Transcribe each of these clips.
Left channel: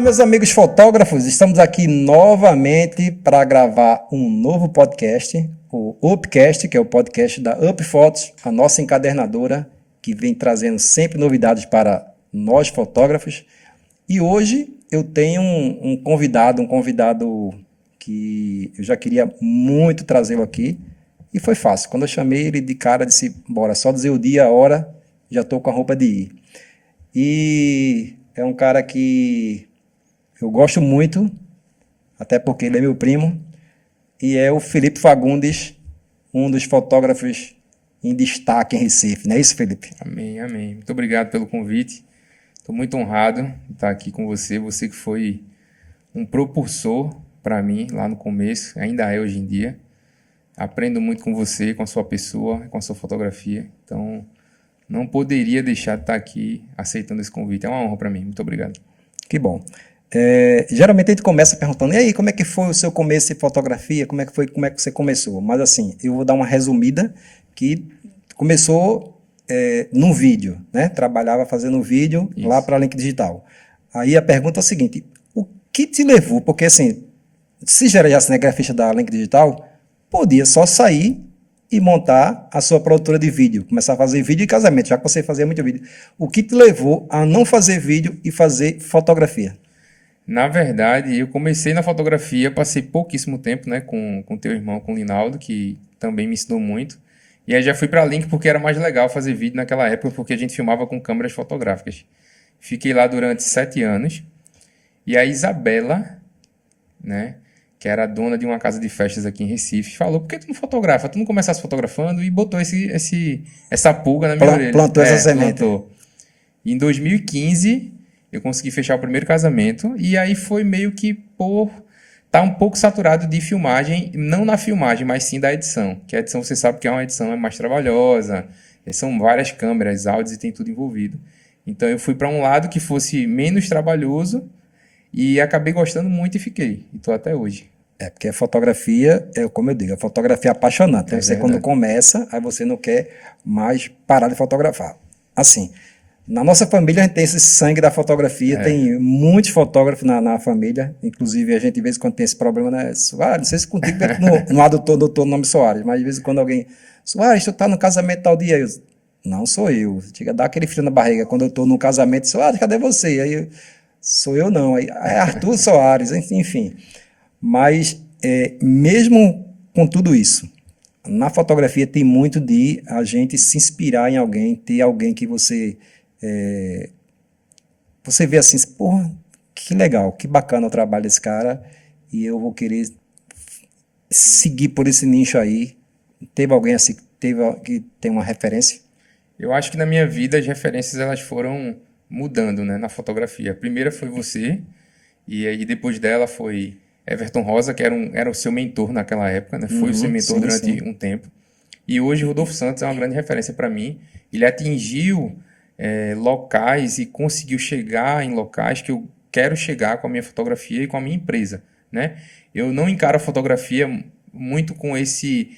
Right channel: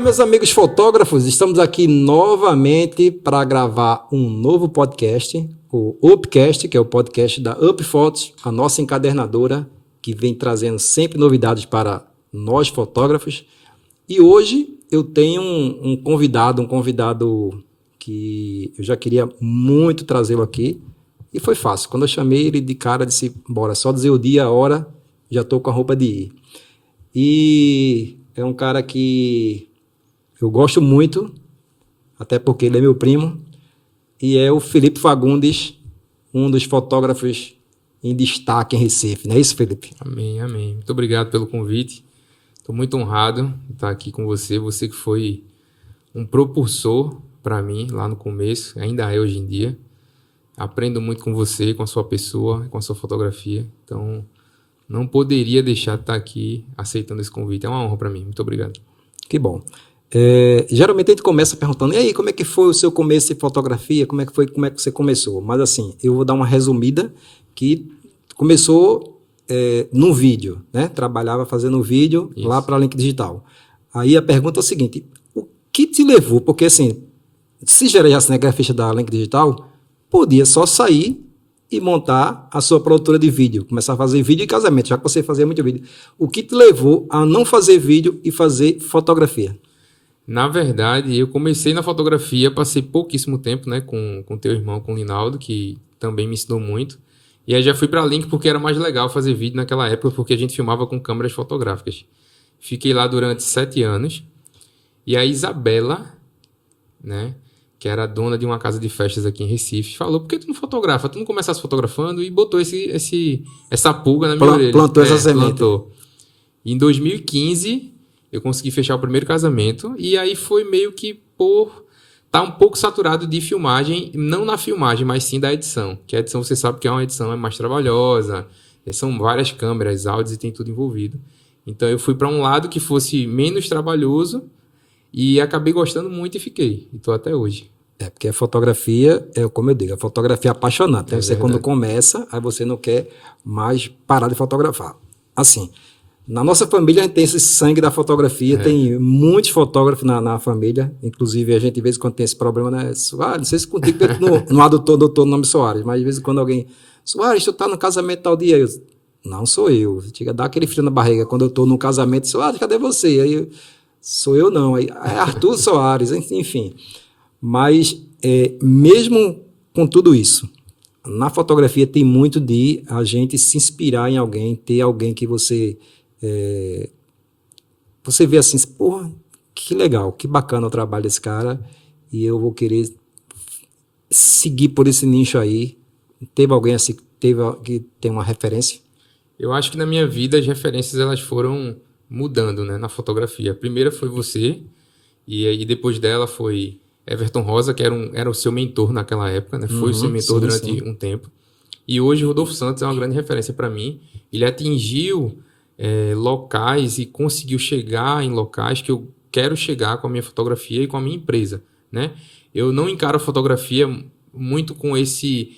Olá, meus amigos fotógrafos, estamos aqui novamente para gravar um novo podcast, o Upcast, que é o podcast da Up Fotos, a nossa encadernadora, que vem trazendo sempre novidades para nós fotógrafos. E hoje eu tenho um convidado que eu já queria muito trazê-lo aqui, e foi fácil. Quando eu chamei ele de cara, disse, bora, só dizer o dia, a hora, já estou com a roupa de ir. E é um cara que eu gosto muito, até porque ele é meu primo, e é o Felipe Fagundes, um dos fotógrafos em destaque em Recife. Não é isso, Felipe? Amém, amém. Muito obrigado pelo convite. Estou muito honrado de estar aqui com você. Você que foi um propulsor para mim lá no começo, ainda é hoje em dia. Aprendo muito com você, com a sua pessoa, com a sua fotografia. Então, não poderia deixar de estar aqui aceitando esse convite. É uma honra para mim. Muito obrigado. Que bom. Geralmente a gente começa perguntando, e aí, como é que foi o seu começo em fotografia? Como é que você começou? Mas assim, eu vou dar uma resumida que começou num vídeo, né? Trabalhava fazendo vídeo Isso. lá para a Link Digital. Aí a pergunta é o seguinte, o que te levou? Porque assim, se já era cinegrafista da Link Digital, podia só sair e montar a sua produtora de vídeo, começar a fazer vídeo de casamento, já que você fazia muito vídeo. O que te levou a não fazer vídeo e fazer fotografia? Na verdade, eu comecei na fotografia, passei pouquíssimo tempo, né, com teu irmão, com o Linaldo, que também me ensinou muito. E aí já fui para a Link porque era mais legal fazer vídeo naquela época, porque a gente filmava com câmeras fotográficas. Fiquei lá durante 7 anos. E a Isabela, né, que era a dona de uma casa de festas aqui em Recife, falou, por que tu não fotografa? Tu não começasse fotografando? E botou essa pulga na minha orelha. Plantou essa semente. Plantou. E em 2015, eu consegui fechar o primeiro casamento. E aí foi meio que por estar um pouco saturado de filmagem, não na filmagem, mas sim da edição. Que a edição, você sabe que é uma edição mais trabalhosa, são várias câmeras, áudios e tem tudo envolvido. Então eu fui para um lado que fosse menos trabalhoso e acabei gostando muito e fiquei. E estou até hoje. Porque a fotografia, como eu digo, a fotografia é apaixonante. Né? Você verdade. quando começa, aí você não quer mais parar de fotografar. Assim, na nossa família a gente tem esse sangue da fotografia, tem muitos fotógrafos na família, inclusive a gente de vez em quando tem esse problema, né? Soares, não sei se contigo não há doutor no nome Soares, mas de vez em quando alguém, Soares, tu tá no casamento tal dia, não sou eu, chega a dar aquele frio na barriga, quando eu tô no casamento, Soares, cadê você? Aí sou eu não, aí é Arthur Soares, enfim. Mas mesmo com tudo isso, na fotografia tem muito de a gente se inspirar em alguém, ter alguém que você vê assim, porra, que legal, que bacana o trabalho desse cara e eu vou querer seguir por esse nicho aí. Teve alguém assim que tem uma referência? Eu acho que na minha vida as referências elas foram mudando, né, na fotografia. A primeira foi você e aí depois dela foi Everton Rosa, que era o seu mentor naquela época, né? Foi o seu mentor durante um tempo. E hoje Rodolfo Santos é uma grande referência para mim. Ele atingiu locais e conseguiu chegar em locais que eu quero chegar com a minha fotografia e com a minha empresa, né? Eu não encaro a fotografia muito com esse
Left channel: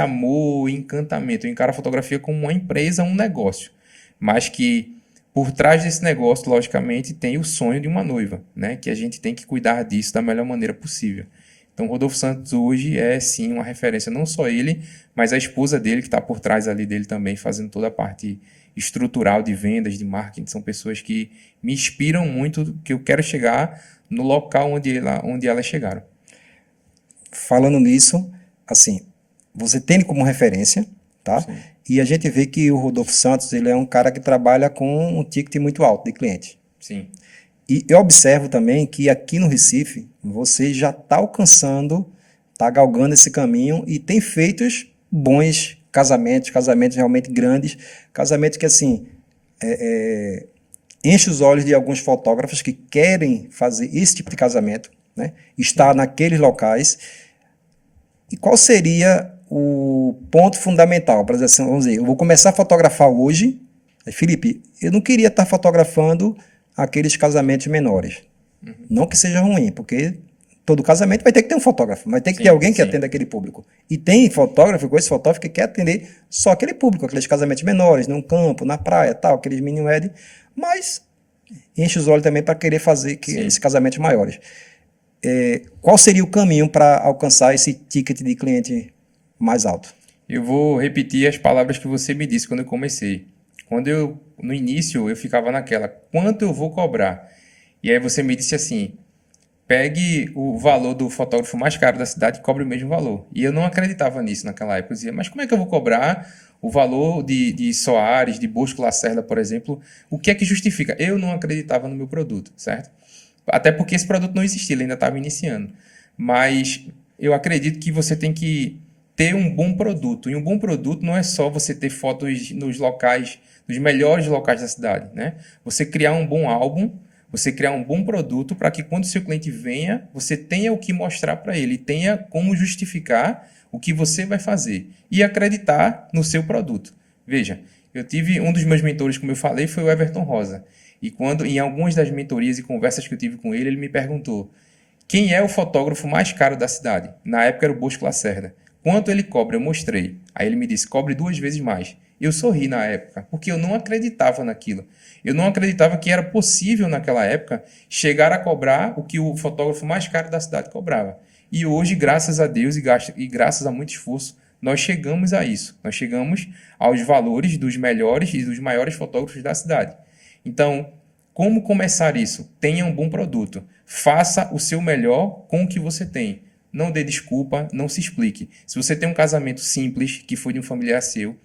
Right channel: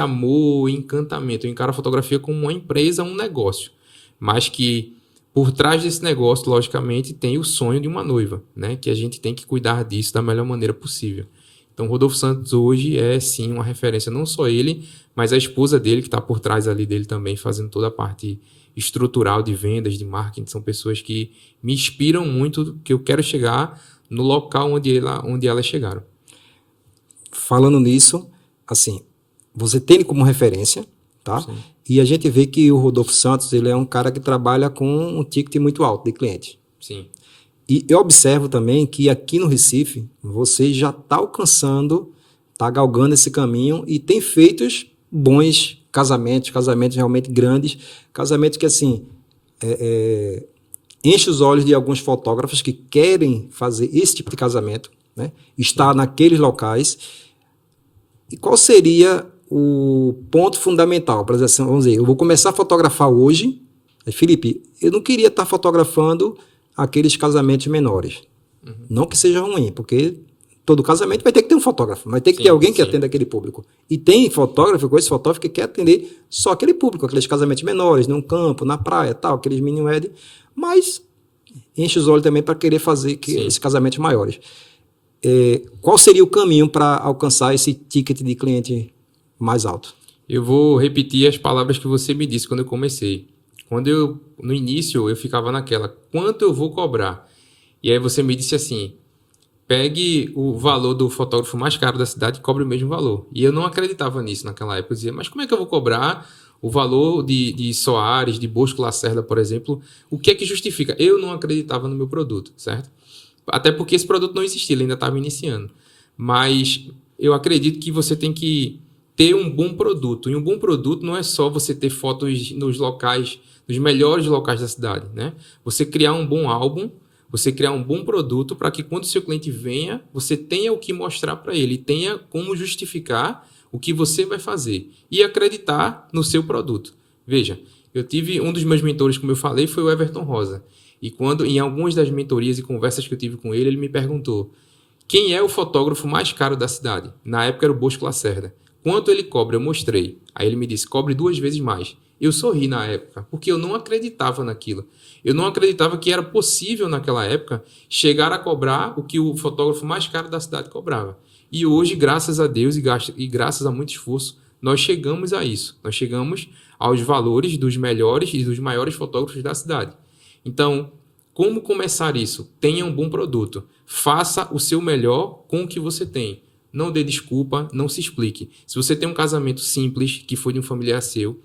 amor e encantamento. Eu encaro a fotografia como uma empresa, um negócio. Mas que por trás desse negócio, logicamente, tem o sonho de uma noiva, né? Que a gente tem que cuidar disso da melhor maneira possível. Então, Rodolfo Santos hoje é, sim, uma referência, não só ele, mas a esposa dele, que está por trás ali dele também, fazendo toda a parte estrutural de vendas, de marketing. São pessoas que me inspiram muito, que eu quero chegar no local onde elas chegaram. Falando nisso, assim, você tem ele como referência, tá? Sim. E a gente vê que o Rodolfo Santos, ele é um cara que trabalha com um ticket muito alto de cliente. Sim. E eu observo também que aqui no Recife, você já está alcançando, está galgando esse caminho e tem feito bons casamentos realmente grandes, casamentos que, assim, enche os olhos de alguns fotógrafos que querem fazer esse tipo de casamento, né? Estar naqueles locais. E qual seria o ponto fundamental para dizer assim, vamos dizer, eu vou começar a fotografar hoje, Felipe, eu não queria estar fotografando aqueles casamentos menores. Não que seja ruim, porque todo casamento vai ter que ter um fotógrafo, mas tem que ter alguém que atenda aquele público. E tem fotógrafo, esse fotógrafo que quer atender só aquele público, aqueles casamentos menores, num campo, na praia, tal, aqueles mini wedding, mas enche os olhos também para querer fazer Sim. esses casamentos maiores. Qual seria o caminho para alcançar esse ticket de cliente mais alto? Eu vou repetir as palavras que você me disse quando eu comecei. No início, eu ficava naquela, quanto eu vou cobrar? E aí você me disse assim, pegue o valor do fotógrafo mais caro da cidade e cobre o mesmo valor. E eu não acreditava nisso naquela época. Eu dizia, mas como é que eu vou cobrar o valor de Soares, de Bosco Lacerda, por exemplo? O que é que justifica? Eu não acreditava no meu produto, certo? Até porque esse produto não existia, ele ainda estava iniciando. Mas eu acredito que você tem que ter um bom produto. E um bom produto não é só você ter fotos nos locais, nos melhores locais da cidade, né? Você criar um bom álbum, você criar um bom produto para que quando o seu cliente venha, você tenha o que mostrar para ele, tenha como justificar o que você vai fazer e acreditar no seu produto. Veja, eu tive um dos meus mentores, como eu falei, foi o Everton Rosa. E quando, em algumas das mentorias e conversas que eu tive com ele me perguntou quem é o fotógrafo mais caro da cidade. Na época era o Bosco Lacerda. Quanto ele cobra? Eu mostrei. Aí ele me disse, cobre 2 vezes mais. Eu sorri na época, porque eu não acreditava naquilo. Eu não acreditava que era possível naquela época chegar a cobrar o que o fotógrafo mais caro da cidade cobrava. E hoje, graças a Deus e graças a muito esforço, nós chegamos a isso. Nós chegamos aos valores dos melhores e dos maiores fotógrafos da cidade. Então, como começar isso? Tenha um bom produto. Faça o seu melhor com o que você tem. Não dê desculpa, não se explique. Se você tem um casamento simples, que foi de um familiar seu,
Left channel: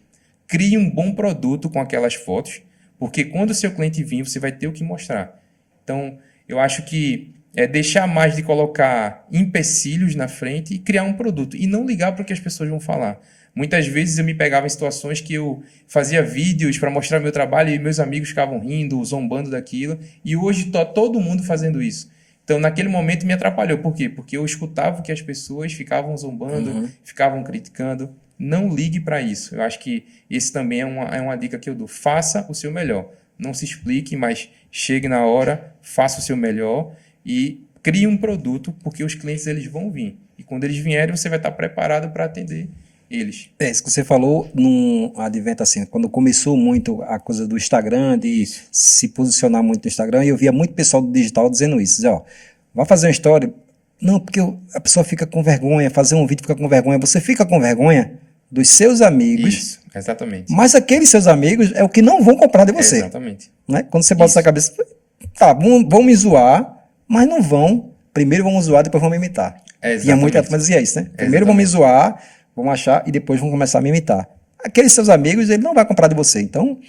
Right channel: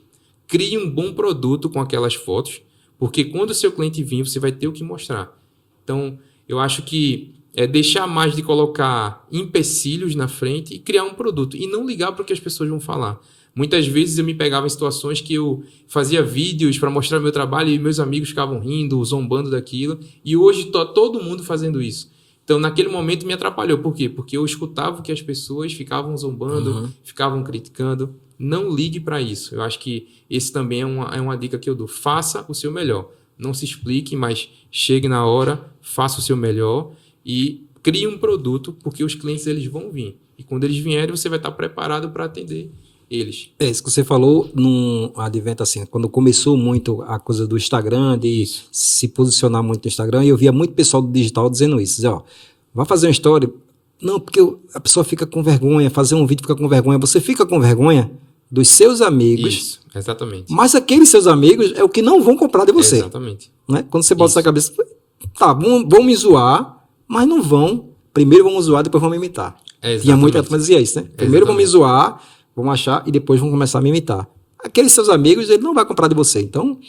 crie um bom produto com aquelas fotos, porque quando o seu cliente vir, você vai ter o que mostrar. Então, eu acho que é deixar mais de colocar empecilhos na frente e criar um produto. E não ligar para o que as pessoas vão falar. Muitas vezes eu me pegava em situações que eu fazia vídeos para mostrar meu trabalho e meus amigos ficavam rindo, zombando daquilo. E hoje está todo mundo fazendo isso. Então, naquele momento me atrapalhou. Por quê? Porque eu escutava que as pessoas ficavam zombando, ficavam criticando. Não ligue para isso. Eu acho que esse também é uma dica que eu dou. Faça o seu melhor. Não se explique, mas chegue na hora, faça o seu melhor e crie um produto, porque os clientes eles vão vir. E quando eles vierem, você vai estar preparado para atender eles. Isso que você falou num advento assim, quando começou muito a coisa do Instagram, de se posicionar muito no Instagram, e eu via muito pessoal do digital dizendo isso, dizer, ó, vai fazer uma história, não, porque a pessoa fica com vergonha, fazer um vídeo fica com vergonha, você fica com vergonha dos seus amigos. Isso, exatamente. Mas aqueles seus amigos é o que não vão comprar de você. Exatamente. Né? Quando você bota essa cabeça, tá, vão me zoar, mas não vão, primeiro vão me zoar, depois vão me imitar. Tinha muita turma que dizia isso, né? Primeiro vão me zoar, vão achar e depois vão começar a me imitar. Aqueles seus amigos, ele não vai comprar de você. Então,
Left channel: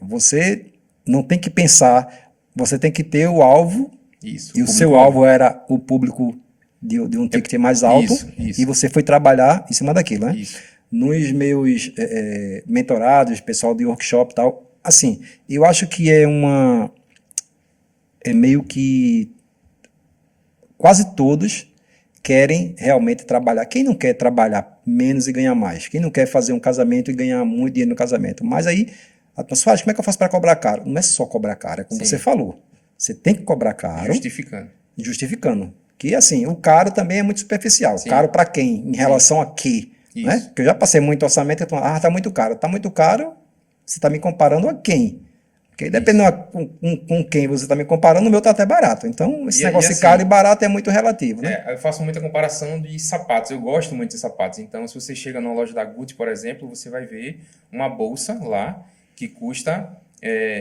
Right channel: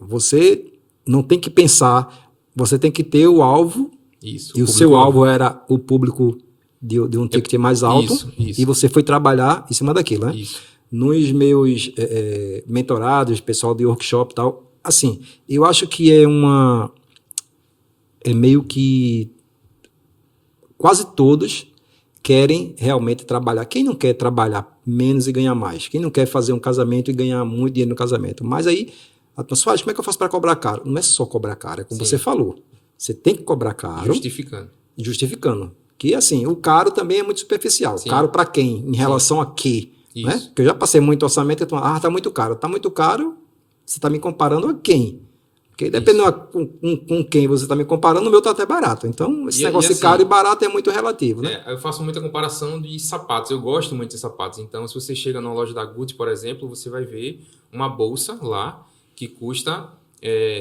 você não tem que pensar, você tem que ter o alvo. Isso, e o seu alvo era o público de um ticket mais alto. Isso. E você foi trabalhar em cima daquilo, né? Isso. Nos meus mentorados, pessoal de workshop e tal, assim, eu acho que é meio que quase todos querem realmente trabalhar. Quem não quer trabalhar menos e ganhar mais? Quem não quer fazer um casamento e ganhar muito dinheiro no casamento? Mas aí, a pessoa fala, como é que eu faço para cobrar caro? Não é só cobrar caro, é como você falou. Você tem que cobrar caro. Justificando. Que, assim, o caro também é muito superficial. Sim. Caro para quem? Em relação a quê? Né? Porque eu já passei muito orçamento e eu falo, tá muito caro. Tá muito caro, você está me comparando a quem? Porque dependendo com quem você está me comparando, o meu está até barato. Então, esse negócio de caro e barato é muito relativo, né? Eu faço muita comparação de sapatos. Eu gosto muito de sapatos. Então, se você chega numa loja da Gucci, por exemplo, você vai ver uma bolsa lá que custa,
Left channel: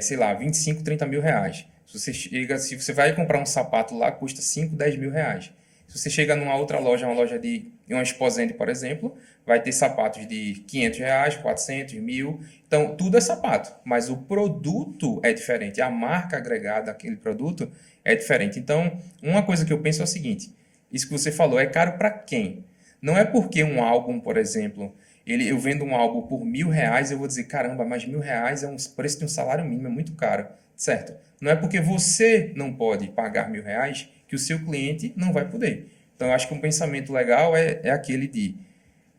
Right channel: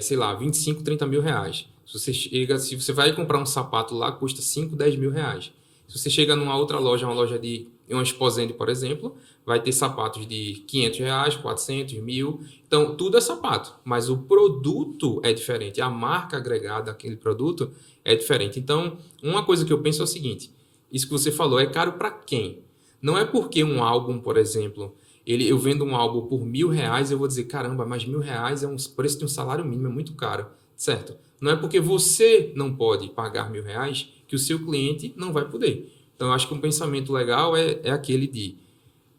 sei lá, 25, 30 mil reais. Se você vai comprar um sapato lá, custa 5, 10 mil reais. Se você chega numa outra loja, uma loja de uma Esposende, por exemplo, vai ter sapatos de 500 reais, 400, 1.000. Então, tudo é sapato, mas o produto é diferente. A marca agregada àquele produto é diferente. Então, uma coisa que eu penso é o seguinte, isso que você falou, é caro para quem? Não é porque um álbum, por exemplo, eu vendo um álbum por R$1.000, eu vou dizer, caramba, mas R$1.000 é um preço de um salário mínimo, é muito caro, certo? Não é porque você não pode pagar R$1.000 que o seu cliente não vai poder. Então, eu acho que um pensamento legal é aquele de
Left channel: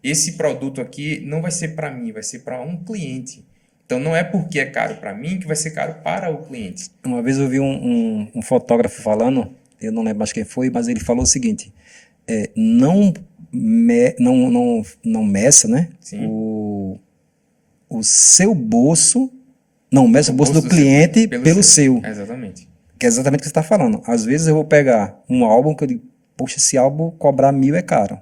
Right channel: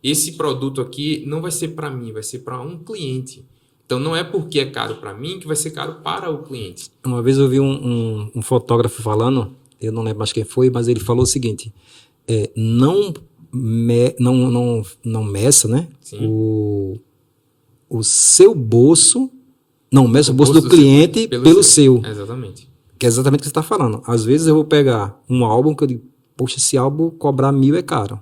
esse produto aqui não vai ser para mim, vai ser para um cliente. Então, não é porque é caro para mim que vai ser caro para o cliente. Uma vez eu vi um fotógrafo falando, eu não lembro mais quem foi, mas ele falou o seguinte, não meça, né? O seu bolso Não, meço o bolso do cliente pelo seu. Exatamente. Que é exatamente o que você está falando. Às vezes eu vou pegar um álbum que eu digo, poxa, esse álbum cobrar 1.000 é caro.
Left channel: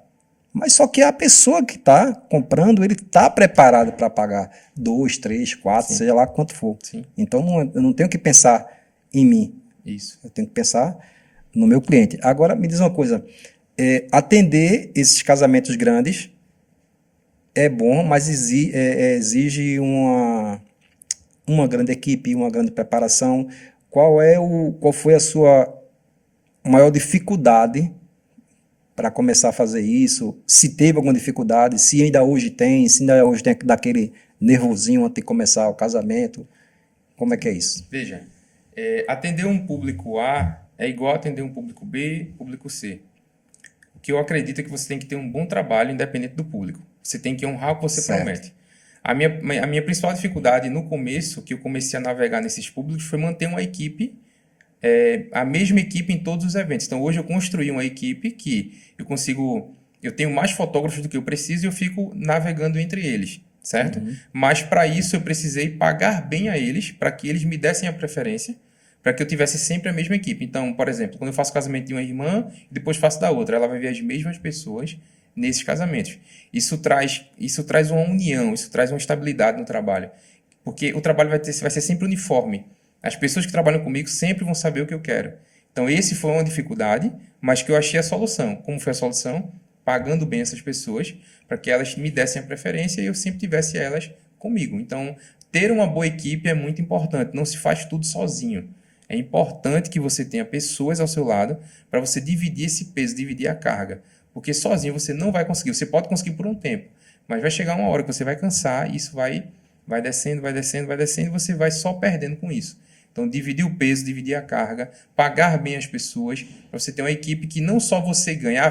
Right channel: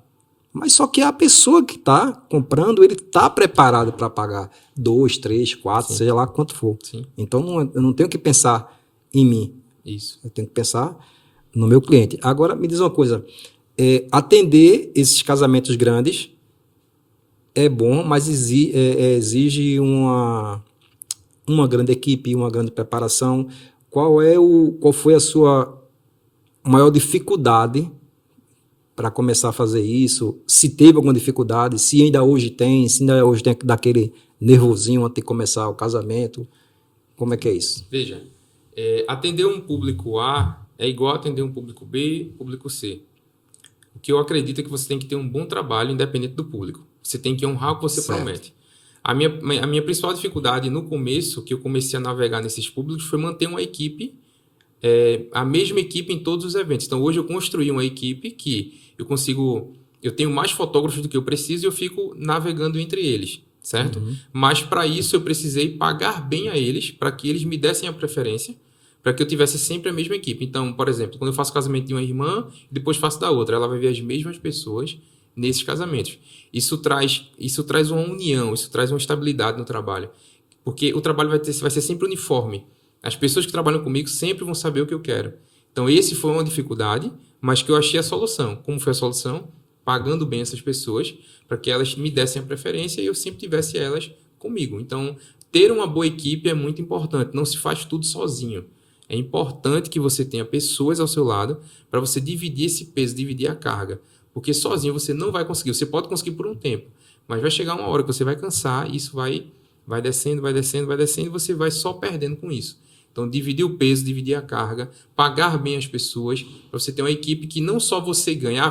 Mas só que a pessoa que está comprando, ele está preparado para pagar 2, 3, 4, Sim. seja lá quanto for. Sim. Então eu não tenho que pensar em mim. Isso. Eu tenho que pensar no meu cliente. Agora, me diz uma coisa. Atender esses casamentos grandes é bom, mas exige uma grande equipe, uma grande preparação. Qual foi a sua maior dificuldade para começar a fazer isso? Se teve alguma dificuldade, se ainda hoje tem daquele nervosinho antes de começar o casamento, como é que é isso? Veja, atender um público A é igual a atender um público B, público C. O que eu acredito é que você tem que ter um bom trabalho independente do público. Você tem que honrar o que você promete. A minha principal dificuldade no começo, que eu comecei a navegar nesses públicos, foi manter uma equipe, a mesma equipe em todos os eventos. Então, hoje eu construí uma equipe que eu tenho mais fotógrafos do que eu preciso e eu fico navegando entre eles, certo? Uhum. Mas, para isso, eu precisei pagar bem a eles, para que eles me dessem a preferência, para que eu tivesse sempre a mesma equipe. Então, por exemplo, quando eu faço casamento de uma irmã, depois faço da outra, ela vai ver as mesmas pessoas nesses casamentos. Isso traz uma união, isso traz uma estabilidade no trabalho. Porque o trabalho vai ser sempre uniforme. As pessoas que trabalham comigo sempre vão saber o que eu quero. Então, esse foi uma dificuldade, mas que eu achei a solução. Como foi a solução? Pagando bem essas pessoas, para que elas me dessem a preferência e eu sempre tivesse elas comigo. Então, ter uma boa equipe é muito importante. Não se faz tudo sozinho. É importante que você tenha pessoas ao seu lado para você dividir esse peso, dividir a carga. Porque sozinho você não vai conseguir. Você pode conseguir por um tempo, mas vai chegar uma hora que você vai cansar e isso vai descendo, vai descendo, vai descendo e você vai só perdendo com isso. Então, dividir o peso, dividir a carga, pagar bem as pessoas, para você ter uma equipe que não só você ganha.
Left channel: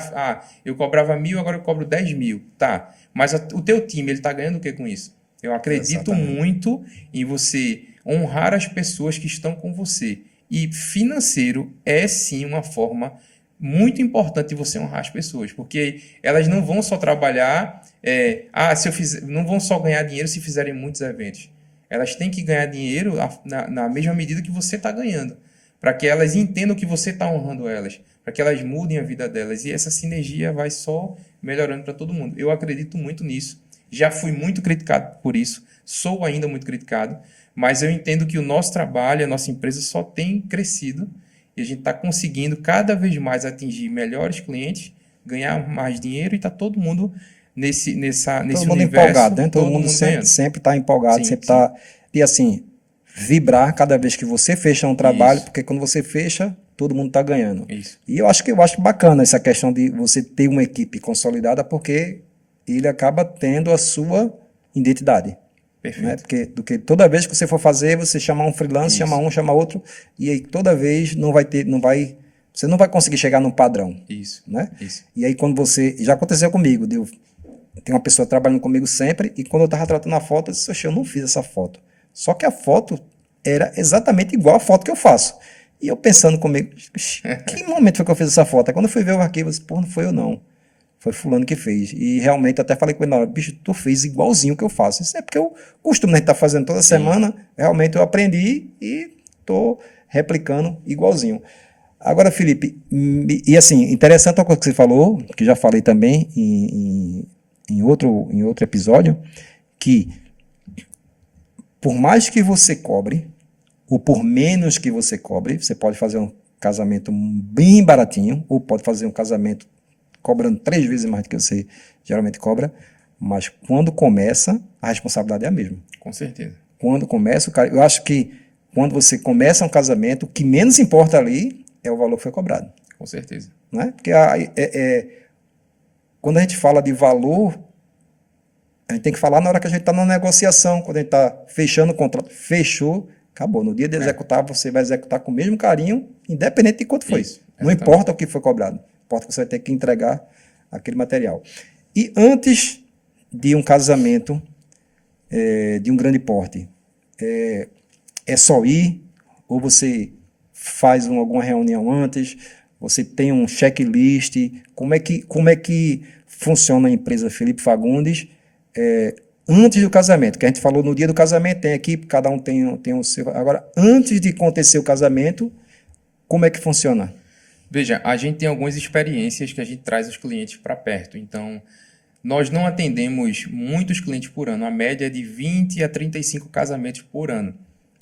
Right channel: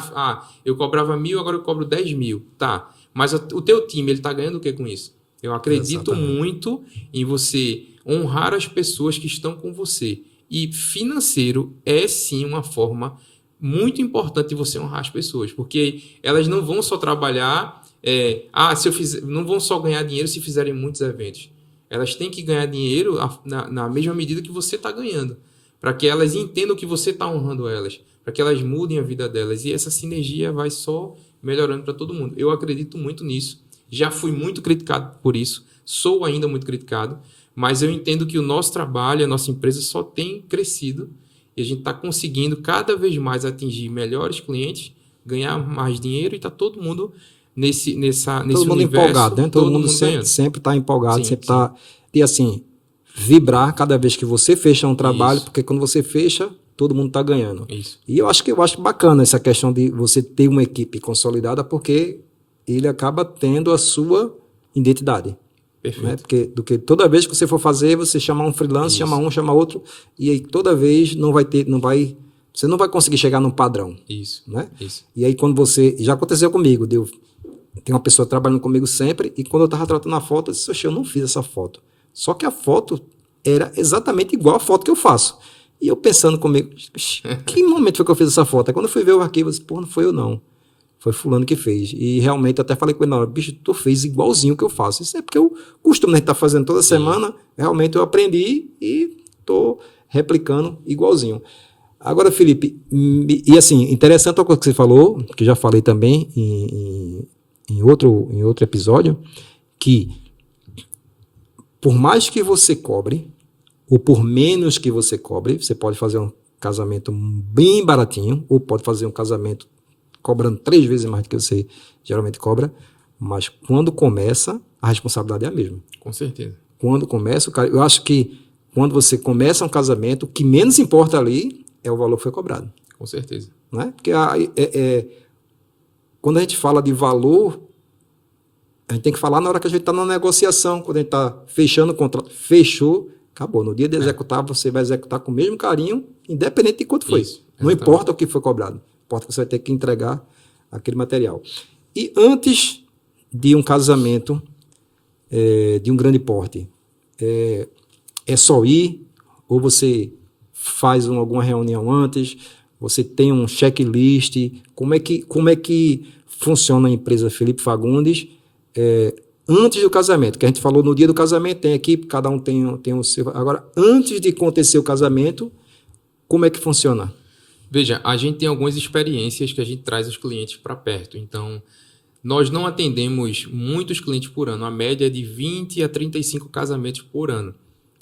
Eu cobrava 1.000, agora eu cobro 10.000. Tá, mas o teu time, ele está ganhando o que com isso? Eu acredito muito em você honrar as pessoas que estão com você. E financeiro é sim uma forma muito importante de você honrar as pessoas, porque elas não vão só trabalhar, não vão só ganhar dinheiro se fizerem muitos eventos. Elas têm que ganhar dinheiro na mesma medida que você está ganhando, para que elas entendam que você está honrando elas, para que elas mudem a vida delas. E essa sinergia vai só melhorando para todo mundo. Eu acredito muito nisso. Já fui muito criticado por isso, sou ainda muito criticado, mas eu entendo que o nosso trabalho, a nossa empresa só tem crescido e a gente está conseguindo cada vez mais atingir melhores clientes, ganhar mais dinheiro e está todo mundo nesse todo mundo universo. Empolgado, né? Todo mundo sempre está empolgado, Sim, sempre está... E assim, vibrar cada vez que você fecha um trabalho, porque quando você fecha, todo mundo está ganhando. Isso. E eu acho bacana essa questão de você ter uma equipe consolidada, porque ele acaba tendo a sua identidade. Perfeito. Né? Porque toda vez que você for fazer, você chamar um freelance, chama outro, e aí toda vez você não vai conseguir chegar num padrão. Isso. Né? Isso. E aí quando já aconteceu comigo, tem uma pessoa trabalhando comigo sempre, e quando eu estava tratando a foto, eu disse, oxe, eu não fiz essa foto. Só que a foto era exatamente igual a foto que eu faço. E eu pensando comigo, que momento foi que eu fiz essa foto? Aí quando eu fui ver o arquivo, eu disse, pô, não foi eu não. Foi fulano que fez. E realmente eu até falei com ele na hora, bicho, tu fez igualzinho o que eu faço. Isso é porque eu costumo, né, estar fazendo toda semana, realmente eu aprendi e estou replicando igualzinho. Agora, Felipe, e assim, interessante a coisa que você falou, que já falei também em outro episódio, que por mais que você cobre, ou por menos que você cobre, você pode fazer um casamento bem baratinho, ou pode fazer um casamento cobrando 3 vezes mais do que você geralmente cobra, mas quando começa, a responsabilidade é a mesma. Com certeza. Quando começa, eu acho que quando você começa um casamento, o que menos importa ali é o valor que foi cobrado. Com certeza. Né? Porque quando a gente fala de valor, a gente tem que falar na hora que a gente está na negociação, quando a gente está fechando o contrato. Fechou, acabou. No dia de executar, você vai executar com o mesmo carinho, independente de quanto foi. Isso, não importa o que foi cobrado. Importa que você vai ter que entregar aquele material. E antes de um casamento de um grande porte, é só ir ou você faz alguma reunião antes, você tem um checklist, como é que funciona a empresa Felipe Fagundes antes do casamento, que a gente falou no dia do casamento, tem equipe, cada um tem o seu. Agora, antes de acontecer o casamento, como é que funciona? Veja, a gente tem algumas experiências que a gente traz os clientes para perto. Então, nós não atendemos muitos clientes por ano. A média é de 20 a 35 casamentos por ano.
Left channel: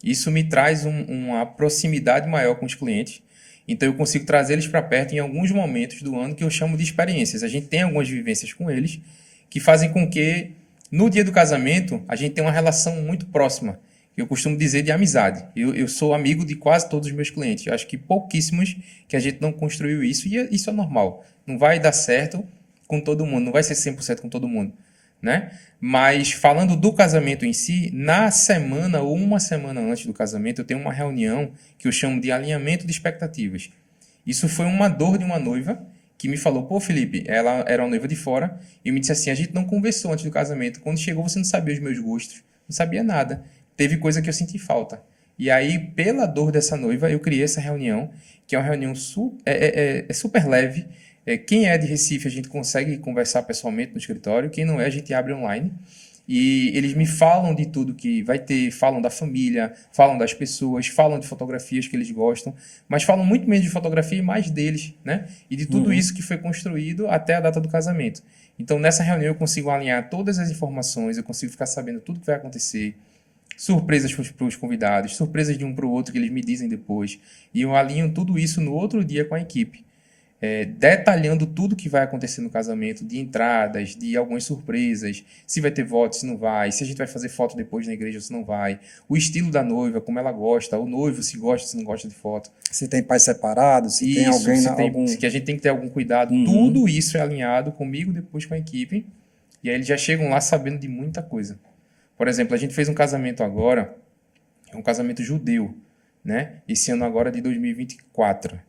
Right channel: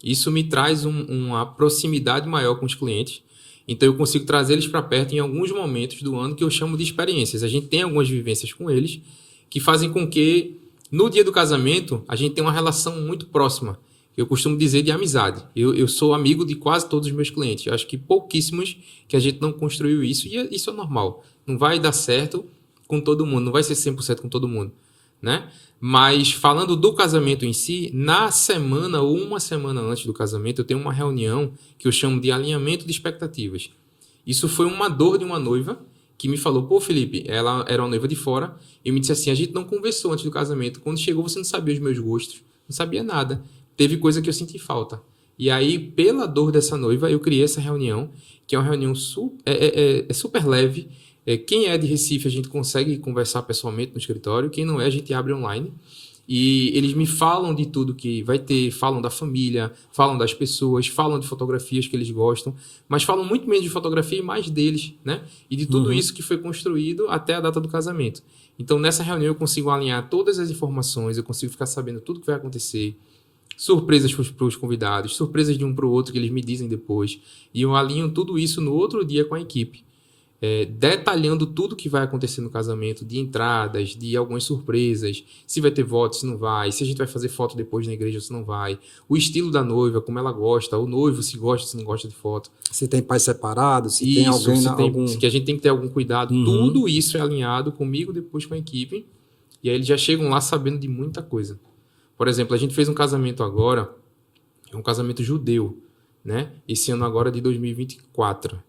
Isso me traz uma proximidade maior com os clientes. Então, eu consigo trazer eles para perto em alguns momentos do ano que eu chamo de experiências. A gente tem algumas vivências com eles que fazem com que, no dia do casamento, a gente tenha uma relação muito próxima. Eu costumo dizer de amizade. Eu sou amigo de quase todos os meus clientes. Eu acho que pouquíssimos que a gente não construiu isso. E isso é normal. Não vai dar certo com todo mundo. Não vai ser 100% com todo mundo, né? Mas falando do casamento em si, na semana ou uma semana antes do casamento, eu tenho uma reunião que eu chamo de alinhamento de expectativas. Isso foi uma dor de uma noiva que me falou, pô, Felipe, ela era uma noiva de fora, e me disse assim, a gente não conversou antes do casamento. Quando chegou, você não sabia os meus gostos, não sabia nada. Teve coisa que eu senti falta. E aí, pela dor dessa noiva, eu criei essa reunião, que é uma reunião super leve. Quem é de Recife, a gente consegue conversar pessoalmente no escritório. Quem não é, a gente abre online. E eles me falam de tudo que vai ter, falam da família, falam das pessoas, falam de fotografias que eles gostam, mas falam muito menos de fotografia e mais deles, né? E de tudo isso que foi construído até a data do casamento. Então, nessa reunião, eu consigo alinhar todas as informações, eu consigo ficar sabendo tudo que vai acontecer, surpresas para os convidados, surpresas de um para o outro que eles me dizem depois. E eu alinho tudo isso no outro dia com a equipe. Detalhando tudo que vai acontecer no casamento, de entradas, de algumas surpresas, se vai ter voto, se não vai, se a gente vai fazer foto depois na igreja, se não vai, o estilo da noiva, como ela gosta, o noivo, se gosta, se não gosta de foto. Se tem pais separados, se tem Isso, alguém... que a gente tem que ter algum cuidado. Tudo isso é alinhado comigo, depois com a equipe, e aí eles já chegam lá sabendo de muita coisa. Por exemplo, a gente fez um casamento agora, um casamento judeu, né? Esse ano agora de 2024.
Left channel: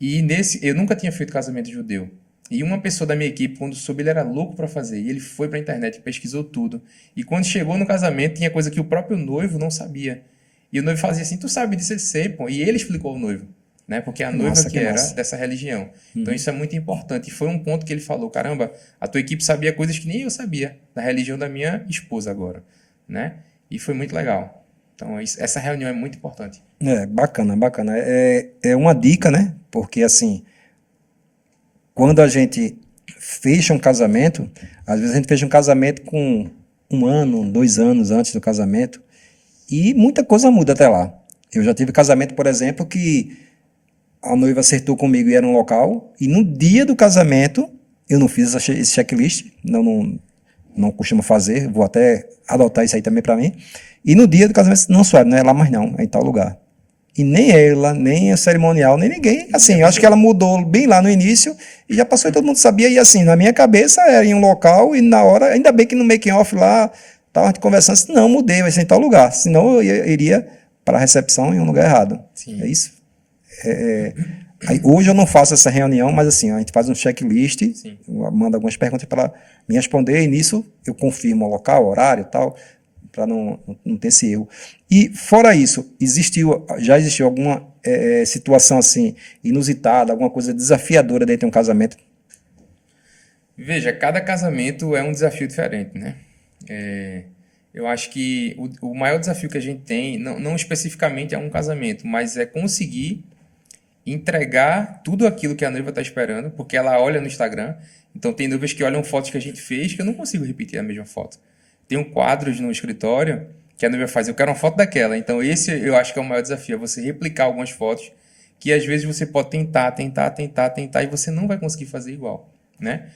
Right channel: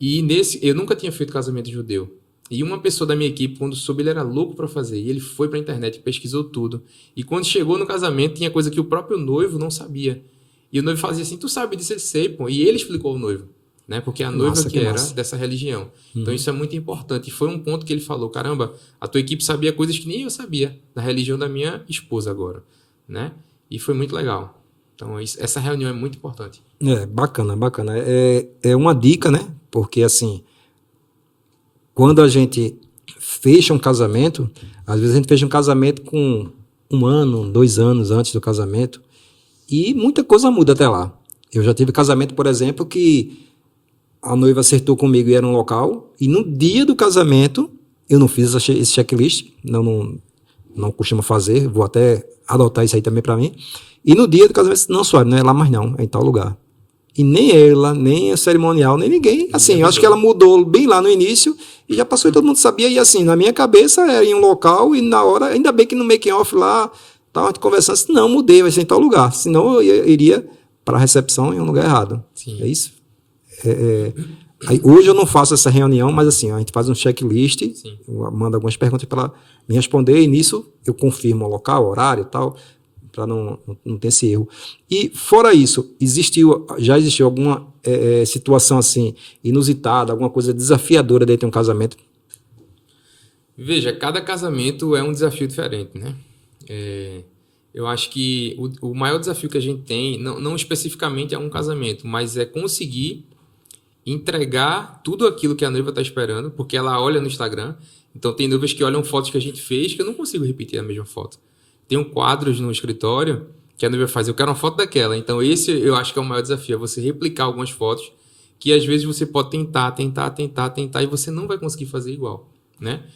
E eu nunca tinha feito casamento judeu. E uma pessoa da minha equipe, quando soube, ele era louco para fazer. E ele foi para a internet, pesquisou tudo. E quando chegou no casamento, tinha coisa que o próprio noivo não sabia. E o noivo fazia assim, tu sabe disso? Ele sei, pô. E ele explicou ao noivo, né? Porque a noiva que era dessa religião. Então isso é muito importante. E foi um ponto que ele falou, caramba, a tua equipe sabia coisas que nem eu sabia da religião da minha esposa agora, né? E foi muito legal. Então essa reunião é muito importante. Bacana, bacana. É uma dica, né? Porque, assim, quando a gente fecha um casamento, às vezes a gente fecha um casamento com 1 ano, 2 anos antes do casamento, e muita coisa muda até lá. Eu já tive casamento, por exemplo, que a noiva acertou comigo e era um local, e no dia do casamento, eu não fiz esse checklist, não costumo fazer, vou até adotar isso aí também para mim. E no dia do casamento, não, Suave, não é lá mais não, é em tal lugar. E nem ela, nem a cerimonial, nem ninguém. Assim, eu acho que ela mudou bem lá no início e já passou e todo mundo sabia. E assim, na minha cabeça era em um local e na hora, ainda bem que no making off lá, estava conversando, assim, não, mudei, vai ser em tal lugar. Senão eu iria para a recepção em um lugar errado. Sim. É isso? Aí, hoje eu não faço essa reunião, mas assim, a gente faz um checklist, manda algumas perguntas para ela me responder e nisso eu confirmo o local, o horário e tal, para não ter esse erro. E fora isso, já existiu alguma situação assim inusitada, alguma coisa desafiadora dentro de um casamento? Veja, cada casamento é um desafio diferente, né? Eu acho que o maior desafio que a gente tem, não especificamente é um casamento, mas é conseguir entregar tudo aquilo que a noiva está esperando, porque ela olha no Instagram. Então tem noivas que olham fotos que a gente fez que eu não consigo repetir a mesma foto. Tem quadros no escritório que a noiva faz, eu quero uma foto daquela. Então esse eu acho que é o maior desafio, é você replicar algumas fotos que às vezes você pode tentar e você não vai conseguir fazer igual, né?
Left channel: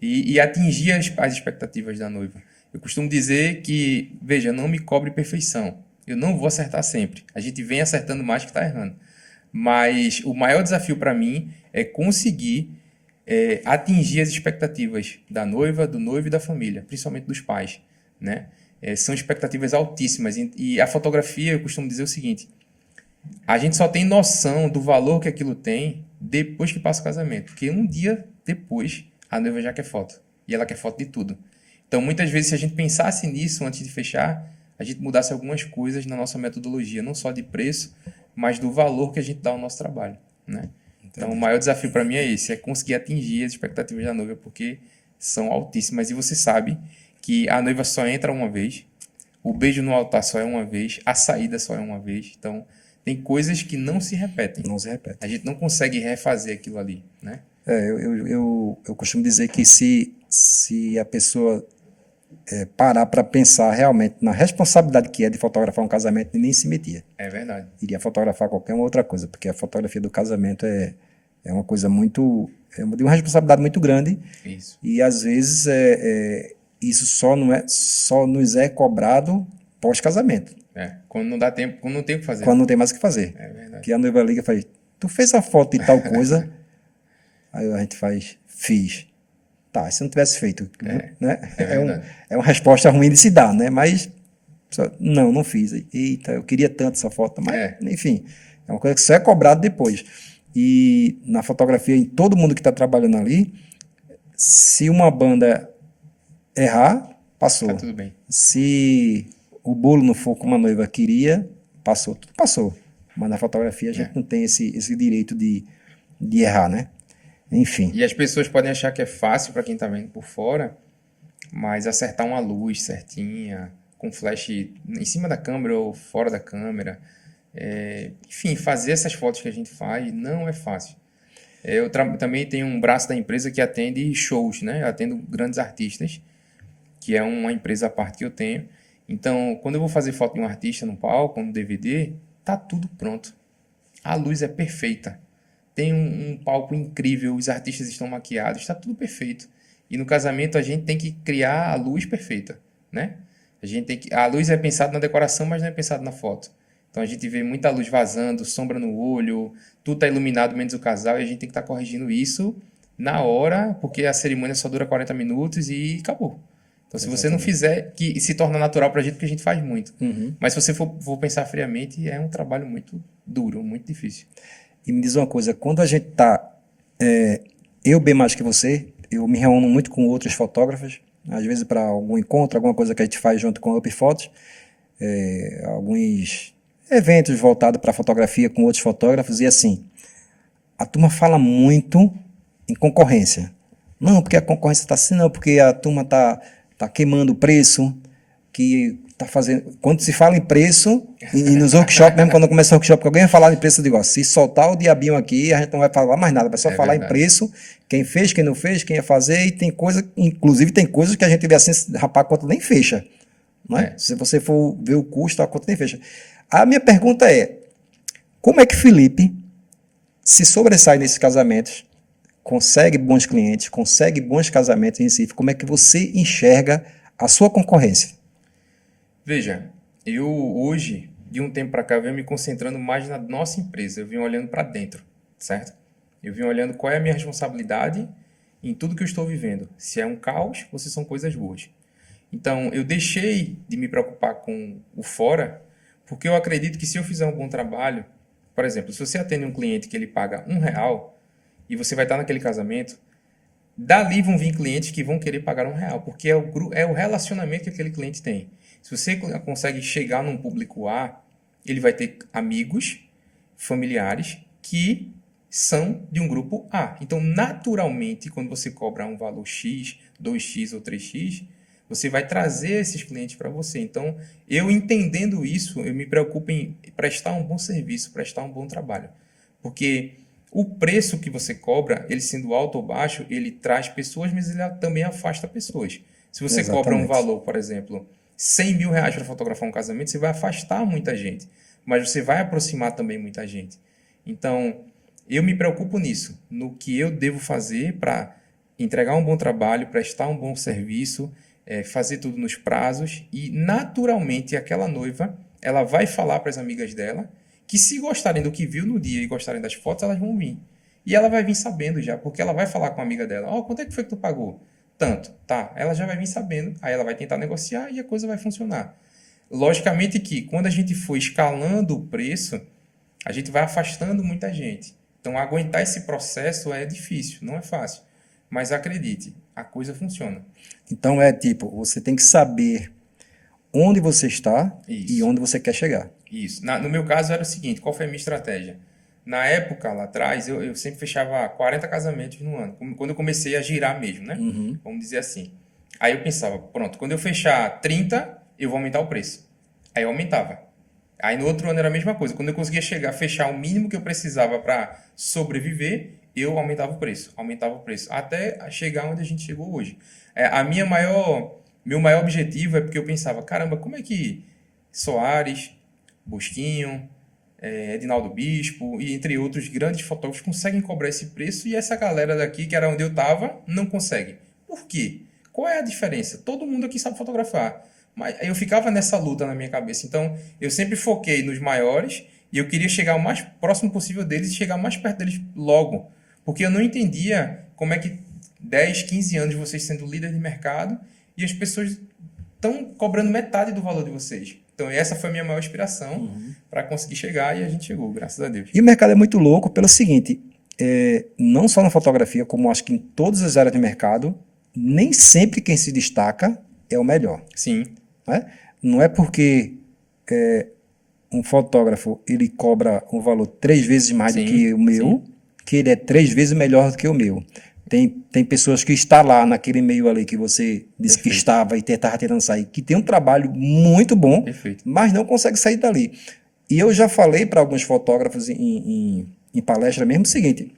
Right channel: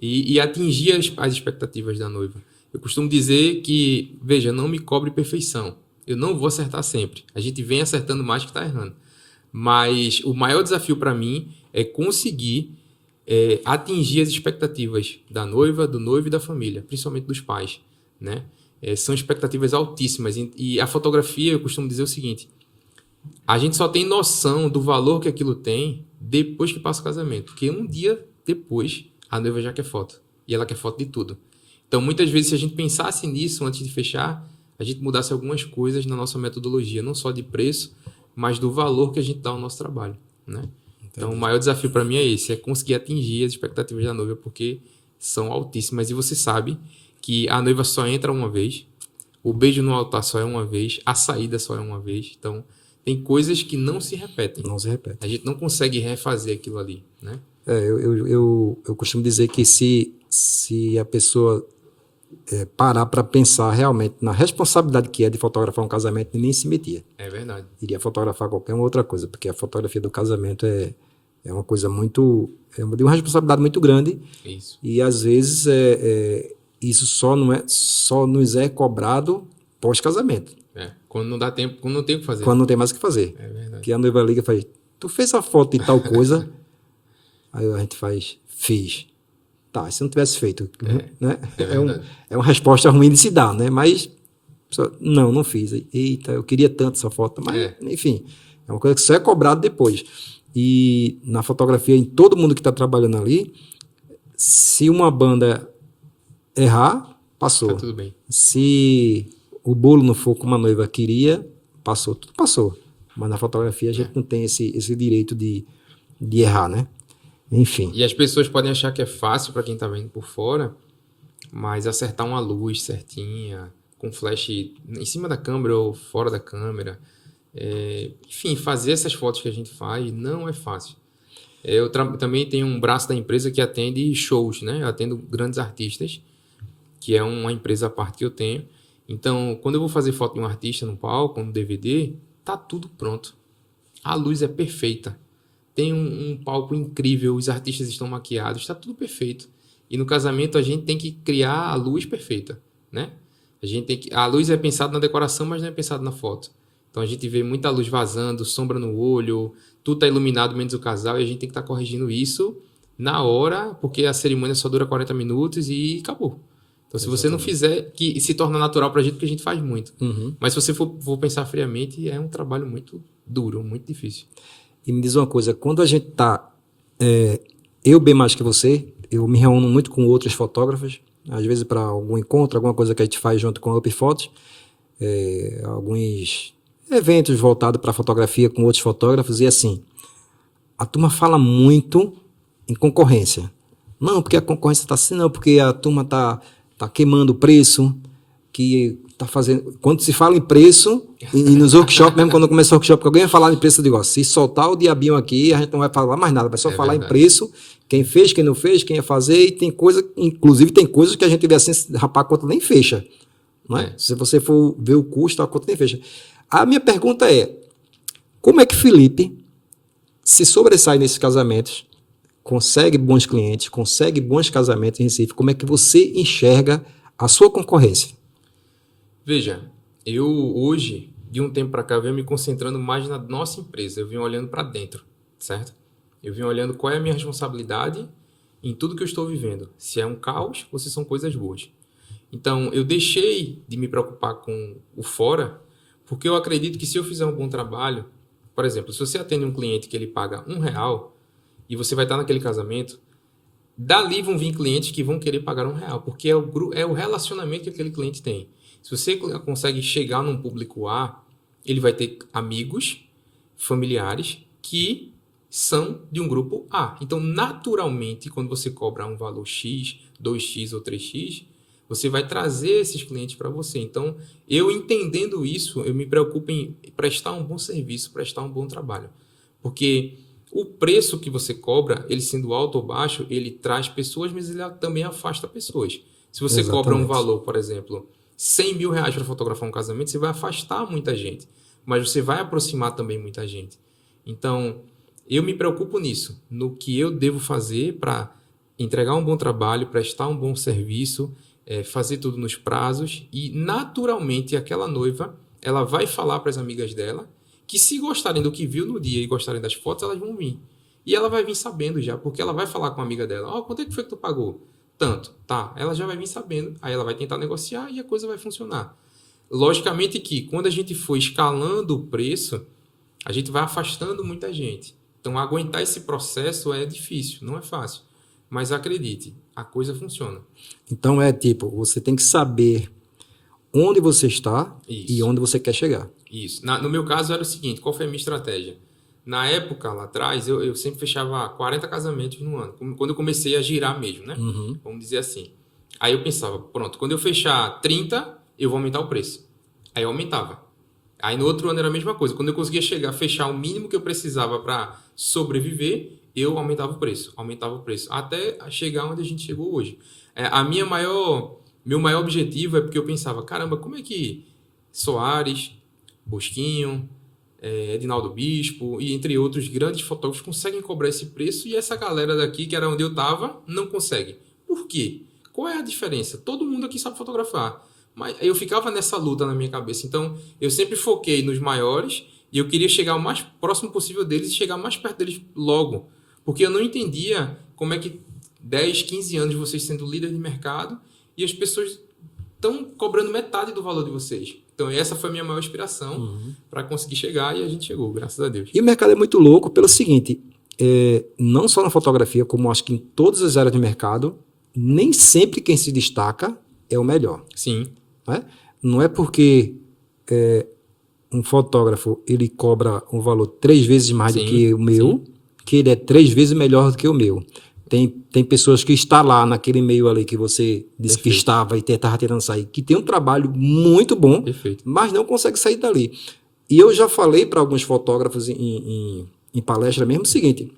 E atingir as expectativas da noiva. Eu costumo dizer que, veja, não me cobre perfeição. Eu não vou acertar sempre. A gente vem acertando mais que está errando. Mas o maior desafio para mim é conseguir atingir as expectativas da noiva, do noivo e da família, principalmente dos pais, né? São expectativas altíssimas. E a fotografia, eu costumo dizer o seguinte, a gente só tem noção do valor que aquilo tem depois que passa o casamento. Porque um dia depois, a noiva já quer foto. E ela quer foto de tudo. Então, muitas vezes, se a gente pensasse nisso antes de fechar, a gente mudasse algumas coisas na nossa metodologia, não só de preço, mas do valor que a gente dá ao nosso trabalho, né? Então, o maior desafio para mim é esse, é conseguir atingir as expectativas da noiva, porque são altíssimas. E você sabe que a noiva só entra uma vez, o beijo no altar só é uma vez, a saída só é uma vez. Então, tem coisas que não se repetem. Não se repete. A gente não consegue refazer aquilo ali, né? Eu costumo dizer que se a pessoa parar para pensar realmente na responsabilidade que é de fotografar um casamento, nem se metia. É verdade. Iria fotografar qualquer outra coisa, porque a fotografia do casamento é uma coisa muito... é de uma responsabilidade muito grande. Isso. E, às vezes, isso só nos é cobrado pós-casamento. Quando não dá tempo, quando não tem o que fazer. Quando não tem mais o que fazer. É verdade. Que a noiva liga e faz, tu fez a foto de tal coisa? Aí a gente faz, fiz. Tá, se não tivesse feito, né? É uma resposta ruim de se dar, né? Mas, não fiz. Eita, eu queria tanto essa foto. Mas, enfim, é uma coisa que só é cobrado depois. E na fotografia, em todo mundo que está trabalhando ali, se uma banda errar, passou. Tá tudo bem. Se o bolo não for como a noiva queria, passou. Tudo passou. Mas na fotografia a gente não tem esse direito de errar, né? Enfim. E as pessoas podem achar que é fácil para quem está vendo por fora, mas acertar uma luz certinha, com flash em cima da câmera ou fora da câmera, enfim, fazer essas fotos que a gente faz não é fácil. Eu também tenho um braço da empresa que atende shows, né? Eu atendo grandes artistas, que é uma empresa à parte que eu tenho. Então, quando eu vou fazer foto de um artista no palco, no DVD, tá tudo pronto. A luz é perfeita. Tem um palco incrível, os artistas estão maquiados, está tudo perfeito. E no casamento a gente tem que criar a luz perfeita, né? A luz é pensada na decoração, mas não é pensada na foto. Então a gente vê muita luz vazando, sombra no olho, tudo está iluminado menos o casal e a gente tem que estar corrigindo isso na hora, porque a cerimônia só dura 40 minutos e acabou. Então, se você não fizer, que se torna natural para a gente, porque a gente faz muito. Mas se você for pensar friamente, é um trabalho muito duro, muito difícil. E me diz uma coisa, quando a gente está... eu bem mais que você, eu me reúno muito com outros fotógrafos, às vezes para algum encontro, alguma coisa que a gente faz junto com a Up Fotos, alguns eventos voltados para fotografia com outros fotógrafos, e assim, a turma fala muito em concorrência. Não, porque a concorrência está assim, não, porque a turma está queimando o preço, que está fazendo... Quando se fala em preço, e nos workshops, mesmo quando começa o workshop, que alguém vai falar em preço, eu digo, se soltar o diabinho aqui, a gente não vai falar mais nada, vai só falar verdade. Em preço, quem fez, quem não fez, quem ia fazer, e tem coisa, inclusive tem coisas que a gente vê assim, rapaz, a conta nem fecha. Não é? Se você for ver o custo, a conta nem fecha. A minha pergunta é, como é que Felipe se sobressai nesses casamentos, consegue bons clientes, consegue bons casamentos em Recife, como é que você enxerga a sua concorrência? Veja, eu hoje, de um tempo para cá, eu venho me concentrando mais na nossa empresa, eu venho olhando para dentro, certo? Eu venho olhando qual é a minha responsabilidade em tudo que eu estou vivendo, se é um caos ou se são coisas boas. Então, eu deixei de me preocupar com o fora, porque eu acredito que se eu fizer um bom trabalho, por exemplo, se você atende um cliente que ele paga R$1 e você vai estar naquele casamento, dali vão vir clientes que vão querer pagar R$1, porque é o relacionamento que aquele cliente tem. Se você consegue chegar num público A, ele vai ter amigos, familiares que são de um grupo A. Então, naturalmente, quando você cobra um valor X, 2X ou 3X, você vai trazer esses clientes para você. Então, eu entendendo isso, eu me preocupo em prestar um bom serviço, prestar um bom trabalho. Porque o preço que você cobra, ele sendo alto ou baixo, ele traz pessoas, mas ele também afasta pessoas. Se você cobra um valor, por exemplo, R$100 mil para fotografar um casamento, você vai afastar muita gente, mas você vai aproximar também muita gente. Então, eu me preocupo nisso, no que eu devo fazer para entregar um bom trabalho, prestar um bom serviço, fazer tudo nos prazos e, naturalmente, aquela noiva ela vai falar para as amigas dela que se gostarem do que viu no dia e gostarem das fotos, elas vão vir. E ela vai vir sabendo já, porque ela vai falar com a amiga dela, quanto é que foi que tu pagou? Tanto, tá, ela já vai vir sabendo, aí ela vai tentar negociar e a coisa vai funcionar. Logicamente que quando a gente for escalando o preço, a gente vai afastando muita gente. Então, aguentar esse processo é difícil, não é fácil. Mas acredite, a coisa funciona. Então, você tem que saber onde você está e onde você quer chegar. Isso. No meu caso era o seguinte, qual foi a minha estratégia? Na época, lá atrás, eu sempre fechava 40 casamentos no ano, quando eu comecei a girar mesmo, né? Vamos dizer assim. Aí eu pensava, pronto, quando eu fechar 30, eu vou aumentar o preço. Aí eu aumentava. Aí no outro ano era a mesma coisa. Quando eu conseguia fechar o mínimo que eu precisava para sobreviver, eu aumentava o preço, até chegar onde a gente chegou hoje. Meu maior objetivo é porque eu pensava, caramba, como é que Soares, Bosquinho, Edinaldo Bispo e entre outros grandes fotógrafos conseguem cobrar esse preço e essa galera daqui, que era onde eu estava, não consegue. Por quê? Qual é a diferença? Todo mundo aqui sabe fotografar. Mas eu ficava nessa luta na minha cabeça. Então, eu sempre foquei nos maiores e eu queria chegar o mais próximo possível deles e chegar mais perto deles logo. Porque eu não entendia como é que 10, 15 anos vocês sendo líder de mercado e as pessoas estão cobrando metade do valor de vocês. Então, essa foi a minha maior inspiração para conseguir chegar e a gente chegou, graças a Deus. E o mercado é muito louco pelo seguinte, não só na fotografia, como acho que em todas as áreas de mercado, nem sempre quem se destaca é o melhor. Sim. Não é porque um fotógrafo ele cobra um valor 3 vezes mais do que o meu, que ele é 3 vezes melhor do que o meu. Tem pessoas que estão lá naquele meio ali que você disse Perfeito. Que estava e estava tentando sair, que tem um trabalho muito bom, Perfeito. Mas não consegue sair dali. E eu já falei para alguns fotógrafos em palestra mesmo o seguinte,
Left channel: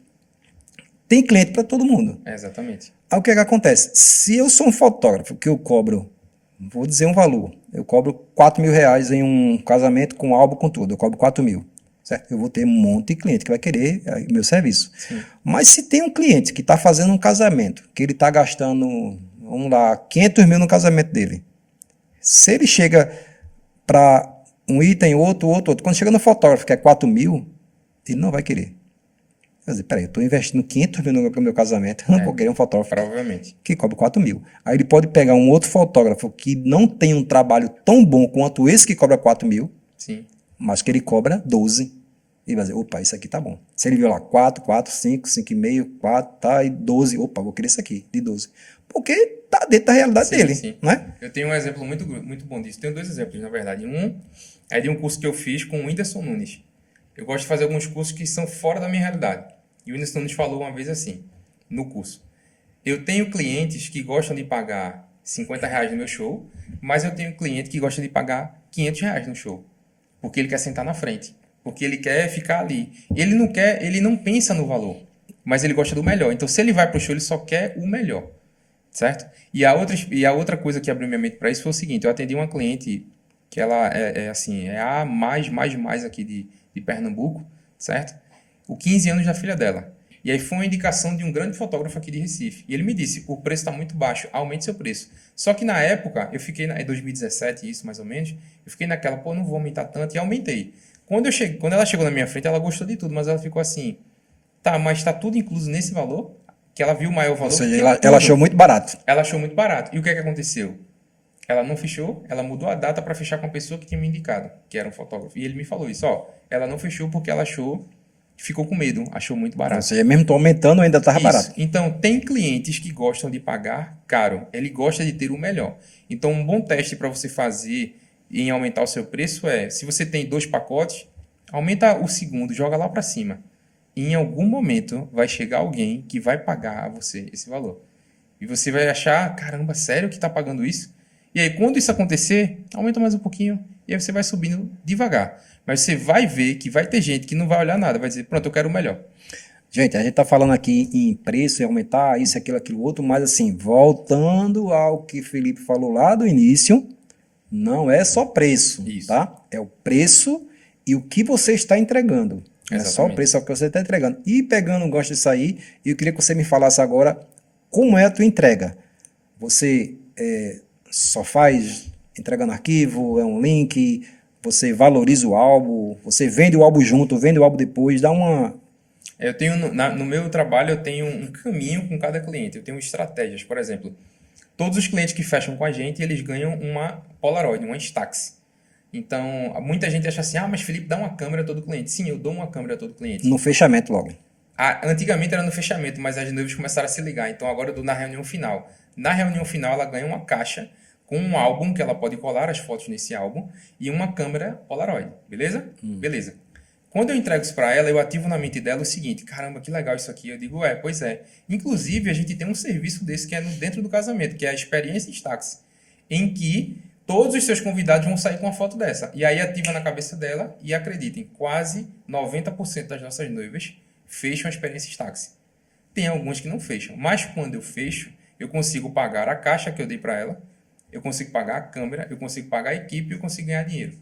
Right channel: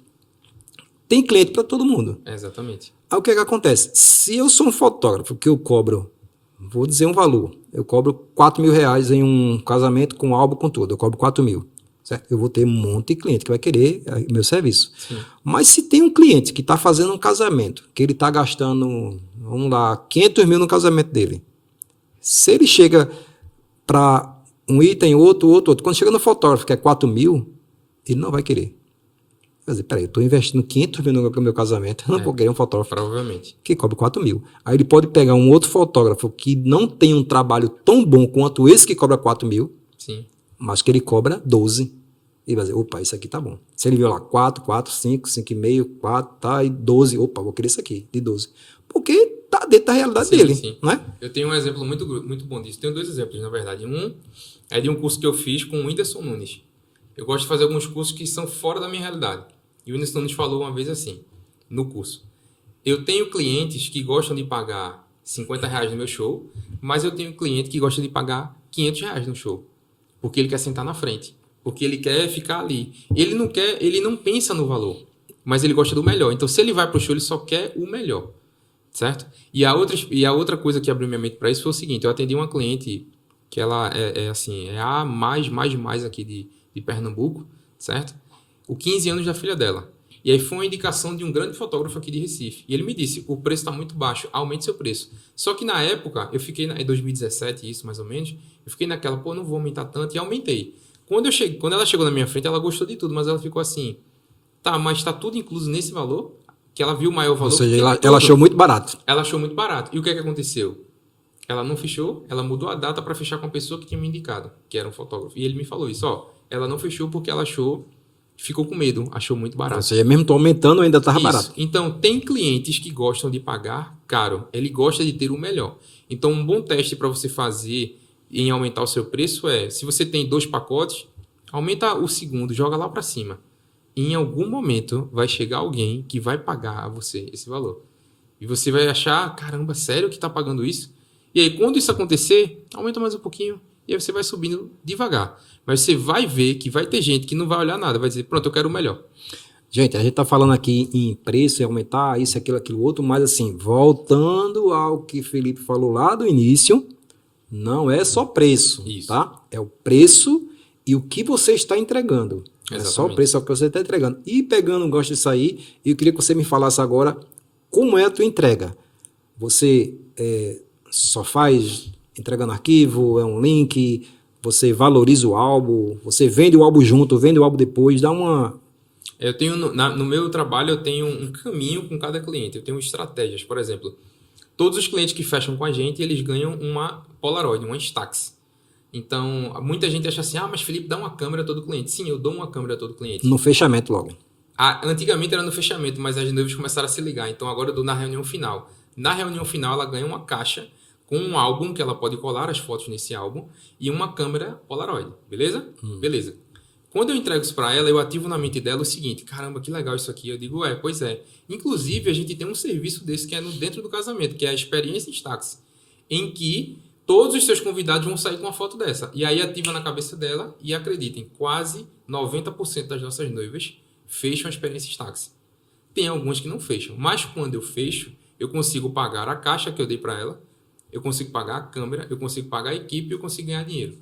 tem cliente para todo mundo. Exatamente. Aí o que acontece? Se eu sou um fotógrafo que eu cobro, vou dizer um valor, eu cobro R$4.000 em um casamento com álbum, com tudo, eu cobro 4.000. Certo? Eu vou ter um monte de cliente que vai querer meu serviço. Sim. Mas se tem um cliente que está fazendo um casamento, que ele está gastando, vamos lá, 500 mil no casamento dele, se ele chega para um item, outro, quando chega no fotógrafo que é 4.000, ele não vai querer. Quer dizer, peraí, eu estou investindo 500 mil no meu casamento, eu não vou querer um fotógrafo provavelmente. Que cobra 4.000. Aí ele pode pegar um outro fotógrafo que não tem um trabalho tão bom quanto esse que cobra 4.000, Sim. Mas que ele cobra 12. E vai dizer, opa, isso aqui tá bom. Se ele viu lá 4, 5, 5,5, 4, tá, e 12, opa, vou querer isso aqui, de 12. Porque tá dentro da realidade dele, sim. não é? Eu tenho um exemplo muito, muito bom disso. Tenho 2 exemplos, na verdade. Um é de um curso que eu fiz com o Whindersson Nunes. Eu gosto de fazer alguns cursos que são fora da minha realidade. E o Whindersson Nunes falou uma vez assim, no curso. Eu tenho clientes que gostam de pagar R$50 no meu show, mas eu tenho cliente que gosta de pagar R$500 no show. Porque ele quer sentar na frente. Porque ele quer ficar ali. Ele não pensa no valor, mas ele gosta do melhor. Então, se ele vai para o show, ele só quer o melhor. Certo? E a outra coisa que abriu minha mente para isso foi o seguinte: eu atendi uma cliente que ela é a mais aqui de Pernambuco, certo? O 15 anos da filha dela. E aí foi uma indicação de um grande fotógrafo aqui de Recife. E ele me disse, o preço está muito baixo, aumente seu preço. Só que na época, eu fiquei, em 2017, isso mais ou menos, eu fiquei naquela, pô, não vou aumentar tanto, e aumentei. Quando ela chegou na minha frente, ela gostou de tudo, mas ela ficou assim, tá, mas está tudo incluso nesse valor? Que ela viu o maior valor. Ou seja, ela achou muito barato. Ela achou muito barato. E o que aconteceu? Ela não fechou, ela mudou a data para fechar com a pessoa que tinha me indicado, que era um fotógrafo. E ele me falou isso, ela não fechou porque ela ficou com medo, achou muito barato. Ou seja, mesmo tô aumentando, ainda estava barato. Então, tem clientes que gostam de pagar caro. Ele gosta de ter o melhor. Então, um bom teste para você fazer em aumentar o seu preço se você tem 2 pacotes, aumenta o segundo, joga lá para cima. E em algum momento vai chegar alguém que vai pagar a você esse valor. E você vai achar, caramba, sério que está pagando isso? E aí, quando isso acontecer, aumenta mais um pouquinho. E aí você vai subindo devagar. Mas você vai ver que vai ter gente que não vai olhar nada, vai dizer, pronto, eu quero o melhor. Gente, a gente está falando aqui em preço, em aumentar isso, aquilo outro, mas assim, voltando ao que Felipe falou lá do início, não é só preço, isso. Tá? É o preço e o que você está entregando. Não é só o preço, é o que você está entregando. E pegando um gosto disso aí, eu queria que você me falasse agora como é a tua entrega. Você só faz entregando arquivo, é um link, você valoriza o álbum, você vende o álbum junto, vende o álbum depois, dá uma... Eu tenho, no meu trabalho, eu tenho um caminho com cada cliente, eu tenho estratégias. Por exemplo, todos os clientes que fecham com a gente, eles ganham uma Polaroid, uma Instax. Então, muita gente acha assim, mas Felipe, dá uma câmera a todo cliente. Sim, eu dou uma câmera a todo cliente. No fechamento logo. Antigamente era no fechamento, mas as noivas começaram a se ligar. Então, agora eu dou na reunião final. Na reunião final, ela ganha uma caixa com um álbum que ela pode colar as fotos nesse álbum e uma câmera Polaroid. Beleza? Beleza. Quando eu entrego isso para ela, eu ativo na mente dela o seguinte: caramba, que legal isso aqui. Eu digo, pois é. Inclusive, a gente tem um serviço desse que é dentro do casamento, que é a Experiência Instax, em que todos os seus convidados vão sair com uma foto dessa. E aí ativa na cabeça dela e acreditem, quase 90% das nossas noivas fecham a Experiência Instax. Tem algumas que não fecham, mas quando eu fecho, eu consigo pagar a caixa que eu dei para ela, eu consigo pagar a câmera, eu consigo pagar a equipe e eu consigo ganhar dinheiro.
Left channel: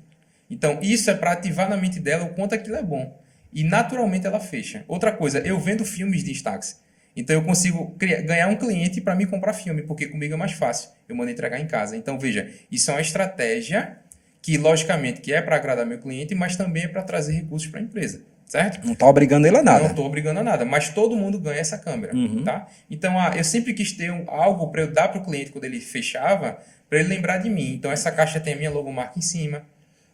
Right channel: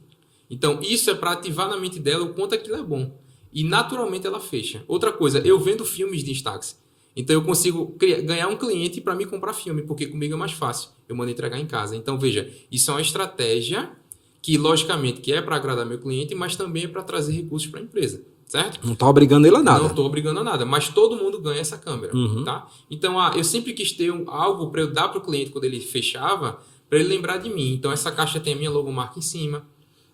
Então, isso é para ativar na mente dela o quanto aquilo é bom. E, naturalmente, ela fecha. Outra coisa, eu vendo filmes de Instax. Então, eu consigo ganhar um cliente para me comprar filme, porque comigo é mais fácil. Eu mando entregar em casa. Então, veja, isso é uma estratégia que, logicamente, que é para agradar meu cliente, mas também é para trazer recursos para a empresa. Certo? Não está obrigando ele a nada. Não estou obrigando a nada, mas todo mundo ganha essa câmera. Tá? Então, eu sempre quis ter algo para eu dar para o cliente quando ele fechava, para ele lembrar de mim. Então, essa caixa tem a minha logomarca em cima.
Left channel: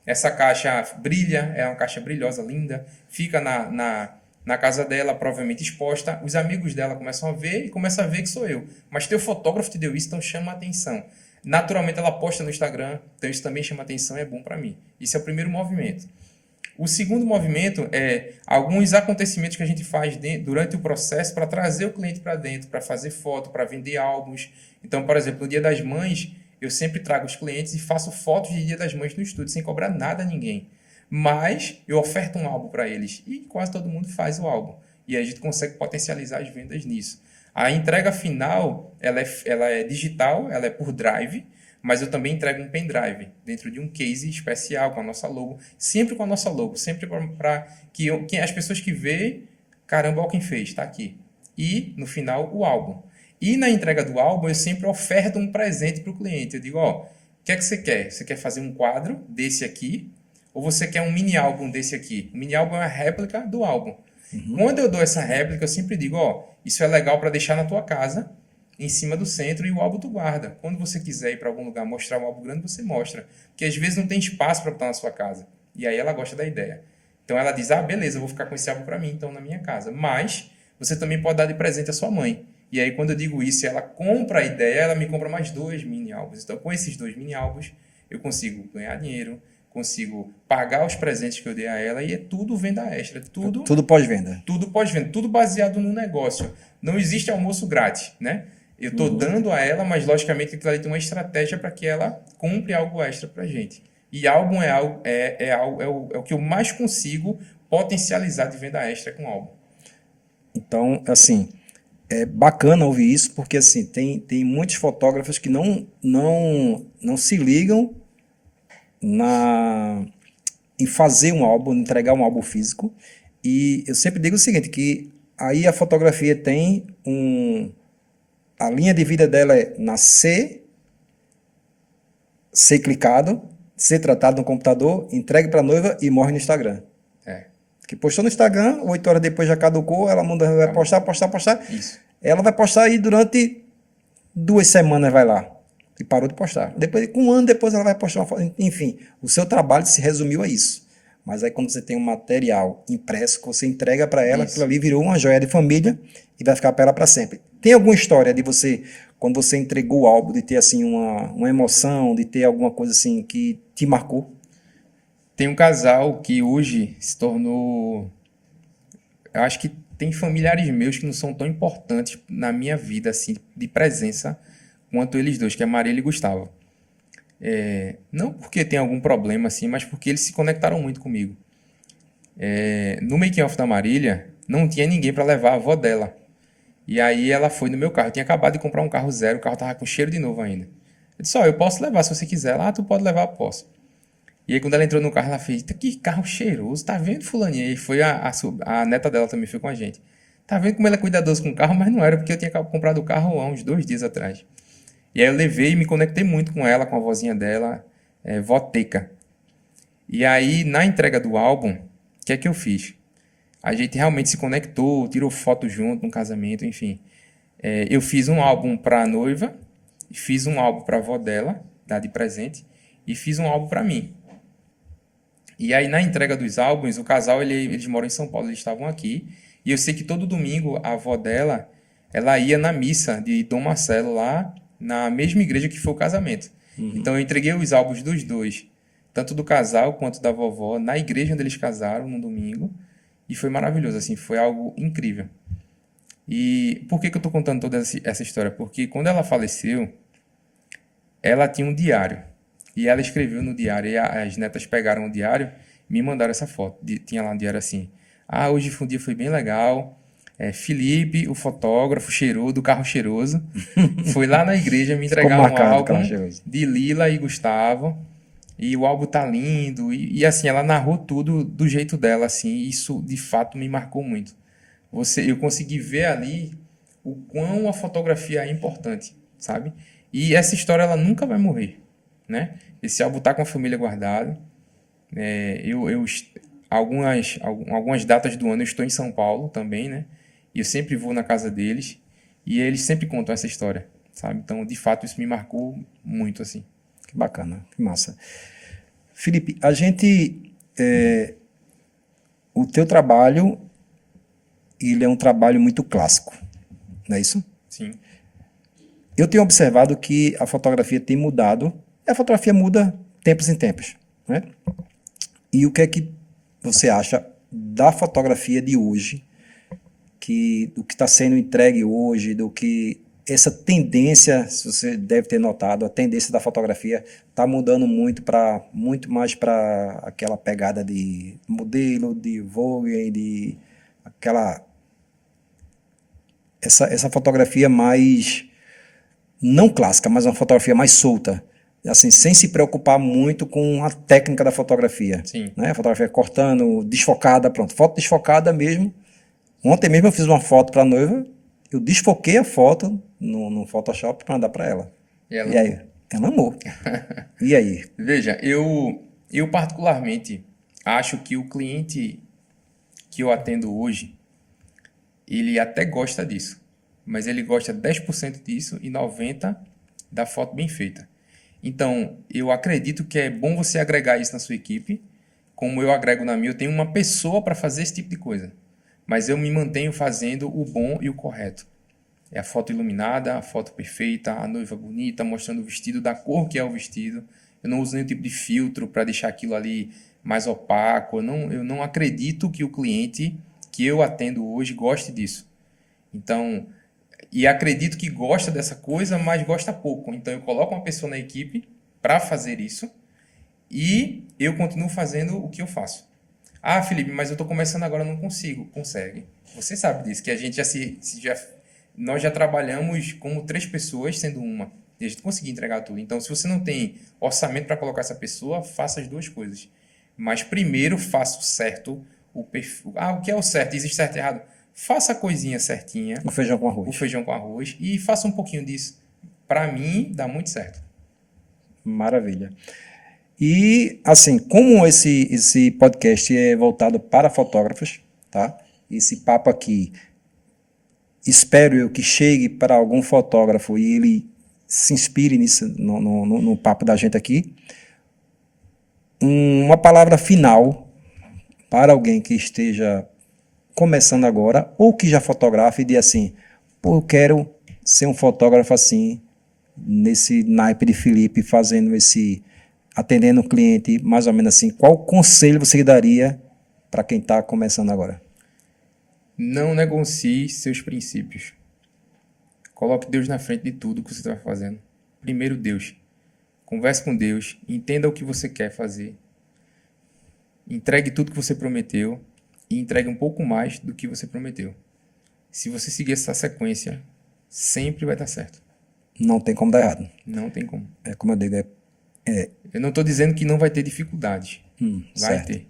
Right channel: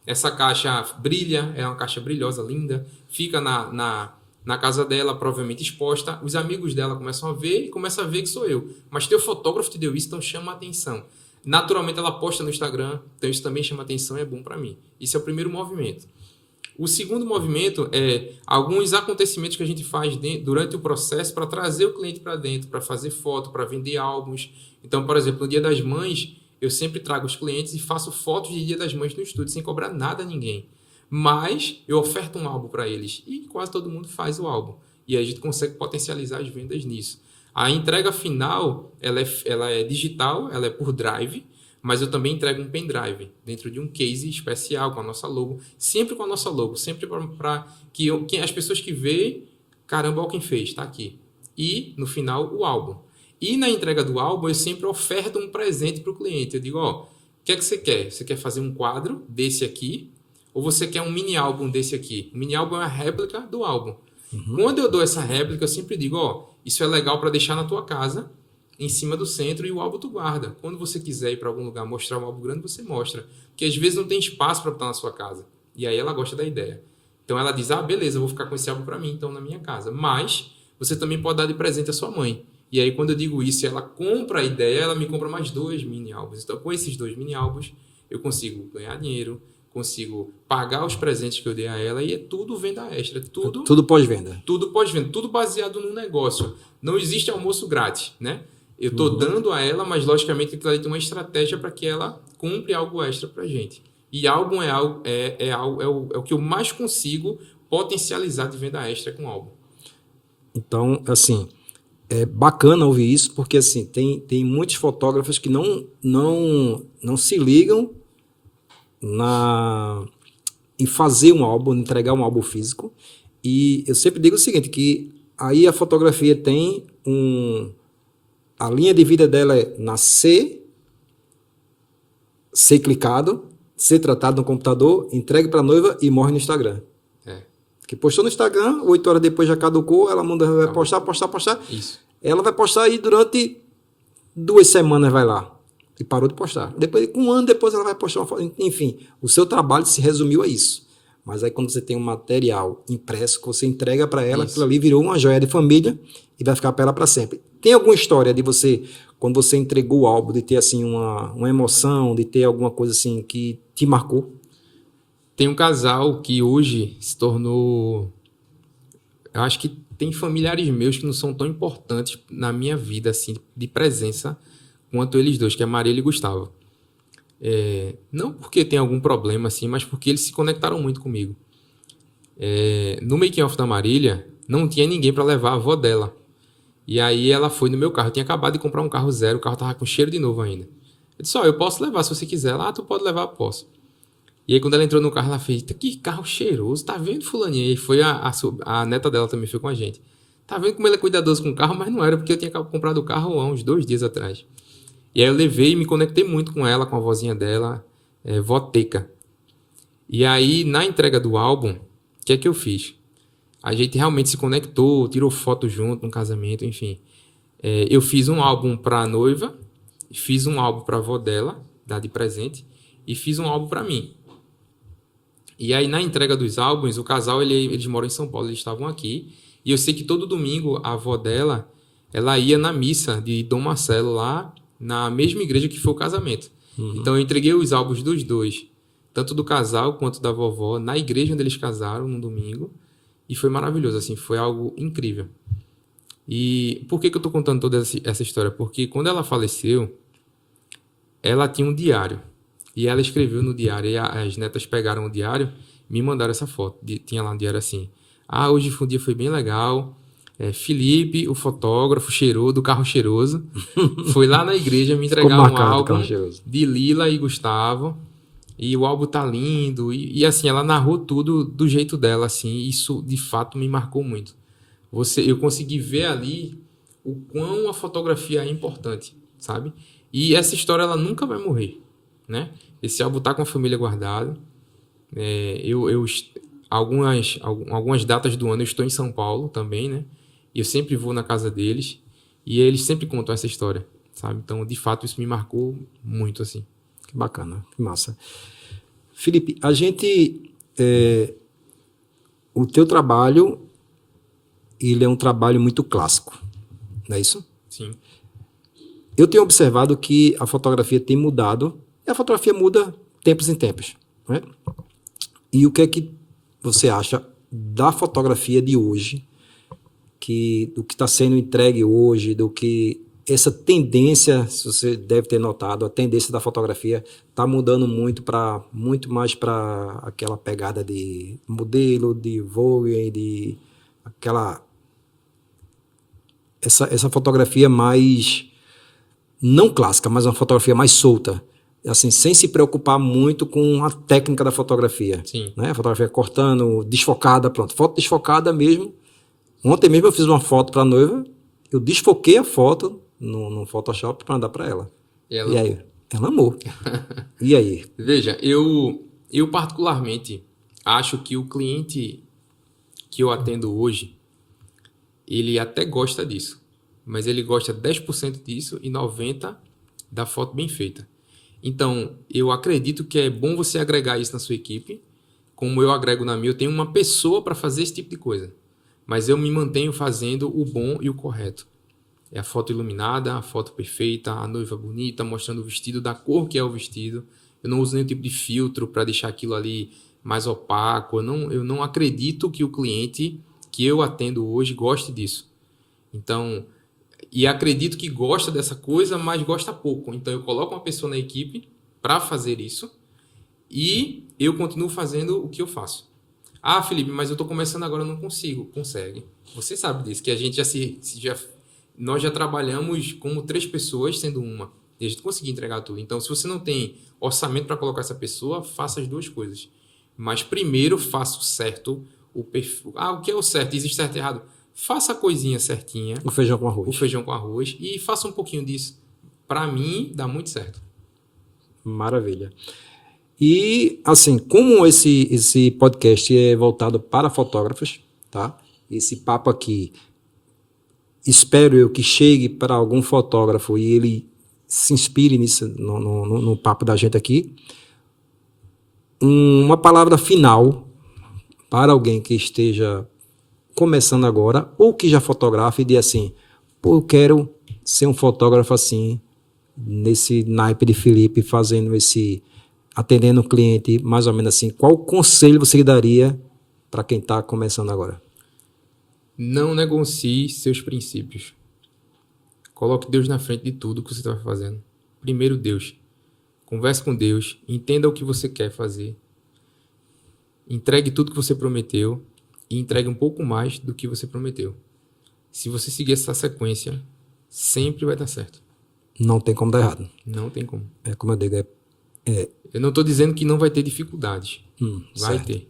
Essa caixa brilha, é uma caixa brilhosa, linda. Fica na casa dela, provavelmente exposta. Os amigos dela começam a ver e começam a ver que sou eu. Mas teu fotógrafo te deu isso, então chama a atenção. Naturalmente, ela posta no Instagram, então isso também chama atenção e é bom para mim. Esse é o primeiro movimento. O segundo movimento é alguns acontecimentos que a gente faz durante o processo para trazer o cliente para dentro, para fazer foto, para vender álbuns. Então, por exemplo, no Dia das Mães, eu sempre trago os clientes e faço fotos de Dia das Mães no estúdio, sem cobrar nada a ninguém. Mas eu oferto um álbum para eles e quase todo mundo faz o álbum. E aí a gente consegue potencializar as vendas nisso. A entrega final, ela é digital, ela é por drive, mas eu também entrego um pendrive dentro de um case especial com a nossa logo, sempre com a nossa logo, sempre para que as pessoas que veem, caramba, olha quem fez, está aqui. E, no final, o álbum. E na entrega do álbum, eu sempre oferto um presente para o cliente. Eu digo, o que é que você quer? Você quer fazer um quadro desse aqui? Ou você quer um mini álbum desse aqui? O mini álbum é uma réplica do álbum. Quando eu dou essa réplica, eu sempre digo, isso é legal para deixar na tua casa, em cima do centro, e o álbum tu guarda. Quando você quiser ir para algum lugar mostrar um álbum grande, você mostra. Porque às vezes não tem espaço para botar na sua casa. E aí ela gosta da ideia. Então ela diz, beleza, eu vou ficar com esse álbum para mim, então, na minha casa. Mas você também pode dar de presente à sua mãe. E aí, quando eu digo isso, ela compra a ideia, ela me compra mais 2 mini álbuns. Então, com esses 2 mini álbuns, eu consigo ganhar dinheiro, consigo pagar os presentes que eu dei a ela e é tudo venda extra. Tudo pós-venda. Tudo pós-venda. Tudo baseado no negócio. Não existe almoço grátis, né? Eu estou dando a ela, mas, logicamente, aquilo ali tem uma estratégia para que ela compre algo extra para a gente. E álbum é o que eu mais consigo potencializar de venda extra com álbum. Então, assim... É bacana ouvir isso, porque assim, tem muitos fotógrafos que não se ligam em fazer um álbum, entregar um álbum físico. E eu sempre digo o seguinte, que aí a fotografia tem a linha de vida dela é nascer, ser clicado, ser tratado no computador, entregue para a noiva e morre no Instagram. Que postou no Instagram, 8 horas depois já caducou, ela vai postar. Isso. Ela vai postar aí durante 2 semanas, vai lá. E parou de postar. Depois, um ano depois ela vai postar uma foto. Enfim, o seu trabalho se resumiu a isso. Mas aí quando você tem um material impresso que você entrega para ela, aquilo ali virou uma joia de família e vai ficar para ela para sempre. Tem alguma história de você, quando você entregou o álbum, de ter assim uma emoção, de ter alguma coisa assim que te marcou? Tem um casal que hoje se tornou... Eu acho que tem familiares meus que não são tão importantes na minha vida, assim, de presença, quanto eles dois, que é Marília e Gustavo. Não porque tem algum problema, assim, mas porque eles se conectaram muito comigo. No making-off da Marília, não tinha ninguém para levar a avó dela. E aí ela foi no meu carro. Eu tinha acabado de comprar um carro zero, o carro estava com cheiro de novo ainda. Eu disse, eu posso levar se você quiser. Tu pode levar, posso. E aí, quando ela entrou no carro, ela fez, que carro cheiroso, tá vendo, fulaninha? E foi a neta dela também foi com a gente. Tá vendo como ela é cuidadosa com o carro? Mas não era, porque eu tinha comprado o carro há uns 2 dias atrás. E aí eu levei e me conectei muito com ela, com a vozinha dela, Voteca. E aí, na entrega do álbum, o que é que eu fiz? A gente realmente se conectou, tirou foto junto no casamento, enfim. Eu fiz um álbum para a noiva, fiz um álbum para a avó dela, dar de presente, e fiz um álbum para mim. E aí, na entrega dos álbuns, o casal, eles moram em São Paulo, eles estavam aqui. E eu sei que todo domingo, a avó dela, ela ia na missa de Dom Marcelo, lá na mesma igreja que foi o casamento. Então, eu entreguei os álbuns dos dois tanto do casal quanto da vovó, na igreja onde eles casaram, no domingo. E foi maravilhoso, assim, foi algo incrível. E por que eu estou contando toda essa história? Porque quando ela faleceu, ela tinha um diário. E ela escreveu no diário, e as netas pegaram o diário e me mandaram essa foto. Tinha lá um diário assim: hoje o dia foi bem legal. Felipe, o fotógrafo do carro cheiroso, foi lá na igreja me entregar um álbum de Lila e Gustavo. E o álbum tá lindo. E assim, ela narrou tudo do jeito dela, assim. Isso, de fato, me marcou muito. Eu consegui ver ali o quão a fotografia é importante, sabe? E essa história, ela nunca vai morrer, né? Esse álbum tá com a família guardado. Algumas datas do ano eu estou em São Paulo também, né? E eu sempre vou na casa deles. E eles sempre contam essa história, sabe? Então, de fato, isso me marcou muito, assim. Que bacana, que massa. Felipe, o teu trabalho, ele é um trabalho muito clássico, não é isso? Sim. Eu tenho observado que a fotografia tem mudado, e a fotografia muda tempos em tempos, né? E o que é que você acha da fotografia de hoje, do que está sendo entregue hoje, do que essa tendência, se você deve ter notado, a tendência da fotografia está mudando muito mais para aquela pegada de modelo, de Vogue, de essa fotografia mais não clássica, mas uma fotografia mais solta, assim, sem se preocupar muito com a técnica da fotografia. Sim. Né? A fotografia cortando, desfocada, pronto. Foto desfocada mesmo. Ontem mesmo eu fiz uma foto para a noiva, eu desfoquei a foto no Photoshop para mandar para ela. E aí? Ela amou. E aí? Veja, eu particularmente acho que o cliente que eu atendo hoje, ele até gosta disso, mas ele gosta 10% disso e 90% da foto bem feita. Então, eu acredito que é bom você agregar isso na sua equipe, como eu agrego na minha. Eu tenho uma pessoa para fazer esse tipo de coisa, mas eu me mantenho fazendo o bom e o correto. É a foto iluminada, a foto perfeita, a noiva bonita, mostrando o vestido da cor que é o vestido. Eu não uso nenhum tipo de filtro para deixar aquilo ali mais opaco. Eu não acredito que o cliente que eu atendo hoje goste disso. Então, e acredito que gosta dessa coisa, mas gosta pouco. Então, eu coloco uma pessoa na equipe para fazer isso e eu continuo fazendo o que eu faço. Felipe, mas eu estou começando agora, não consigo. Consegue. Você sabe disso, que a gente nós já trabalhamos como 3 pessoas, sendo uma. E a gente conseguiu entregar tudo. Então, se você não tem orçamento para colocar essa pessoa, faça as 2 coisas. Mas primeiro, faça o certo, o perfil. O que é o certo? Existe certo e errado? Faça a coisinha certinha. O feijão com arroz. O feijão com arroz. E faça um pouquinho disso. Para mim, dá muito certo. Maravilha. E, assim, como esse podcast é voltado para fotógrafos, tá? Esse papo aqui, espero eu que chegue para algum fotógrafo e ele se inspire nisso, no papo da gente aqui. Uma palavra final para alguém que esteja começando agora ou que já fotografa e diz assim: pô, eu quero ser um fotógrafo assim, nesse naipe de Felipe, atendendo o cliente, mais ou menos assim. Qual conselho você daria para quem está começando agora? Não negocie seus princípios. Coloque Deus na frente de tudo que você está fazendo. Primeiro Deus. Converse com Deus. Entenda o que você quer fazer. Entregue tudo que você prometeu e entregue um pouco mais do que você prometeu. Se você seguir essa sequência, sempre vai dar certo. Não tem como dar errado. Não tem como. Como eu digo, Eu não estou dizendo que não vai ter dificuldades. Vai certo. ter.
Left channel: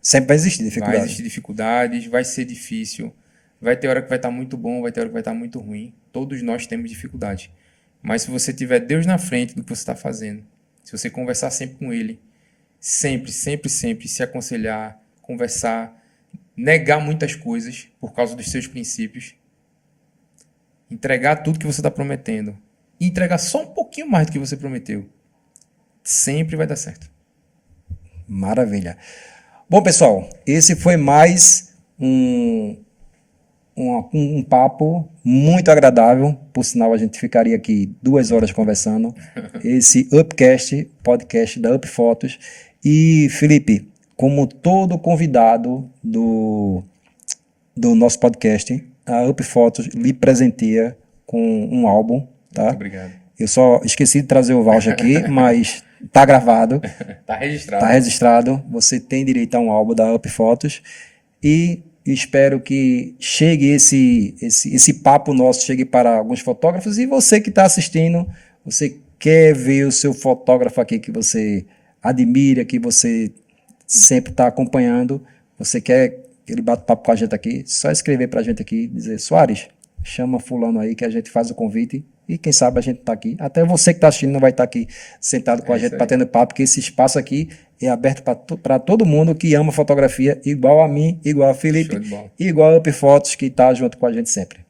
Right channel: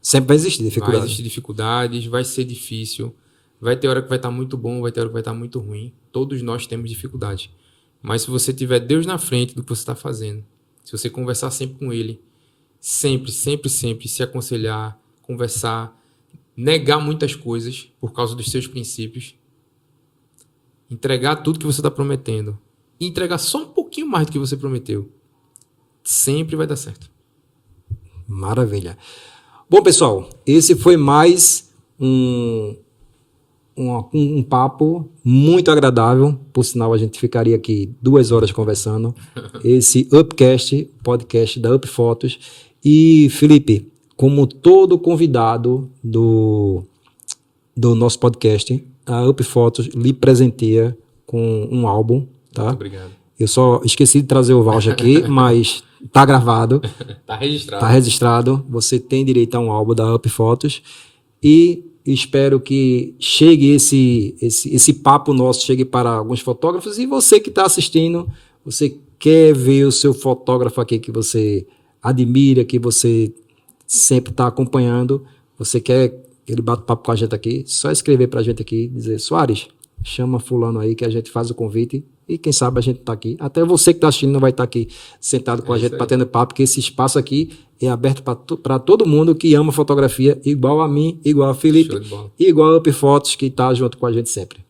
Sempre vai existir dificuldades. Vai existir dificuldades, vai ser difícil. Vai ter hora que vai estar muito bom, vai ter hora que vai estar muito ruim. Todos nós temos dificuldade. Mas se você tiver Deus na frente do que você está fazendo, se você conversar sempre com Ele, sempre se aconselhar, conversar, negar muitas coisas por causa dos seus princípios, entregar tudo que você está prometendo e entregar só um pouquinho mais do que você prometeu, sempre vai dar certo. Maravilha. Bom, pessoal, esse foi mais um papo muito agradável. Por sinal, a gente ficaria aqui 2 horas conversando. Esse Upcast, podcast da Up Fotos. E, Felipe, como todo convidado do nosso podcast, a Up Fotos lhe presenteia com um álbum, tá? Muito obrigado. Eu só esqueci de trazer o voucher aqui, mas tá gravado. Tá registrado. Tá registrado. Você tem direito a um álbum da Up Fotos. E espero que chegue esse papo nosso, chegue para alguns fotógrafos. E você que está assistindo, você quer ver o seu fotógrafo aqui que você admira, que você sempre está acompanhando, você quer que ele bata papo com a gente aqui, só escrever para a gente aqui, dizer, Soares, chama fulano aí que a gente faz o convite e quem sabe a gente está aqui. Até você que está assistindo não vai estar aqui sentado com a gente batendo papo, porque esse espaço aqui é aberto para todo mundo que ama fotografia, igual a mim, igual a Felipe, igual a Up Fotos, que está junto com a gente sempre.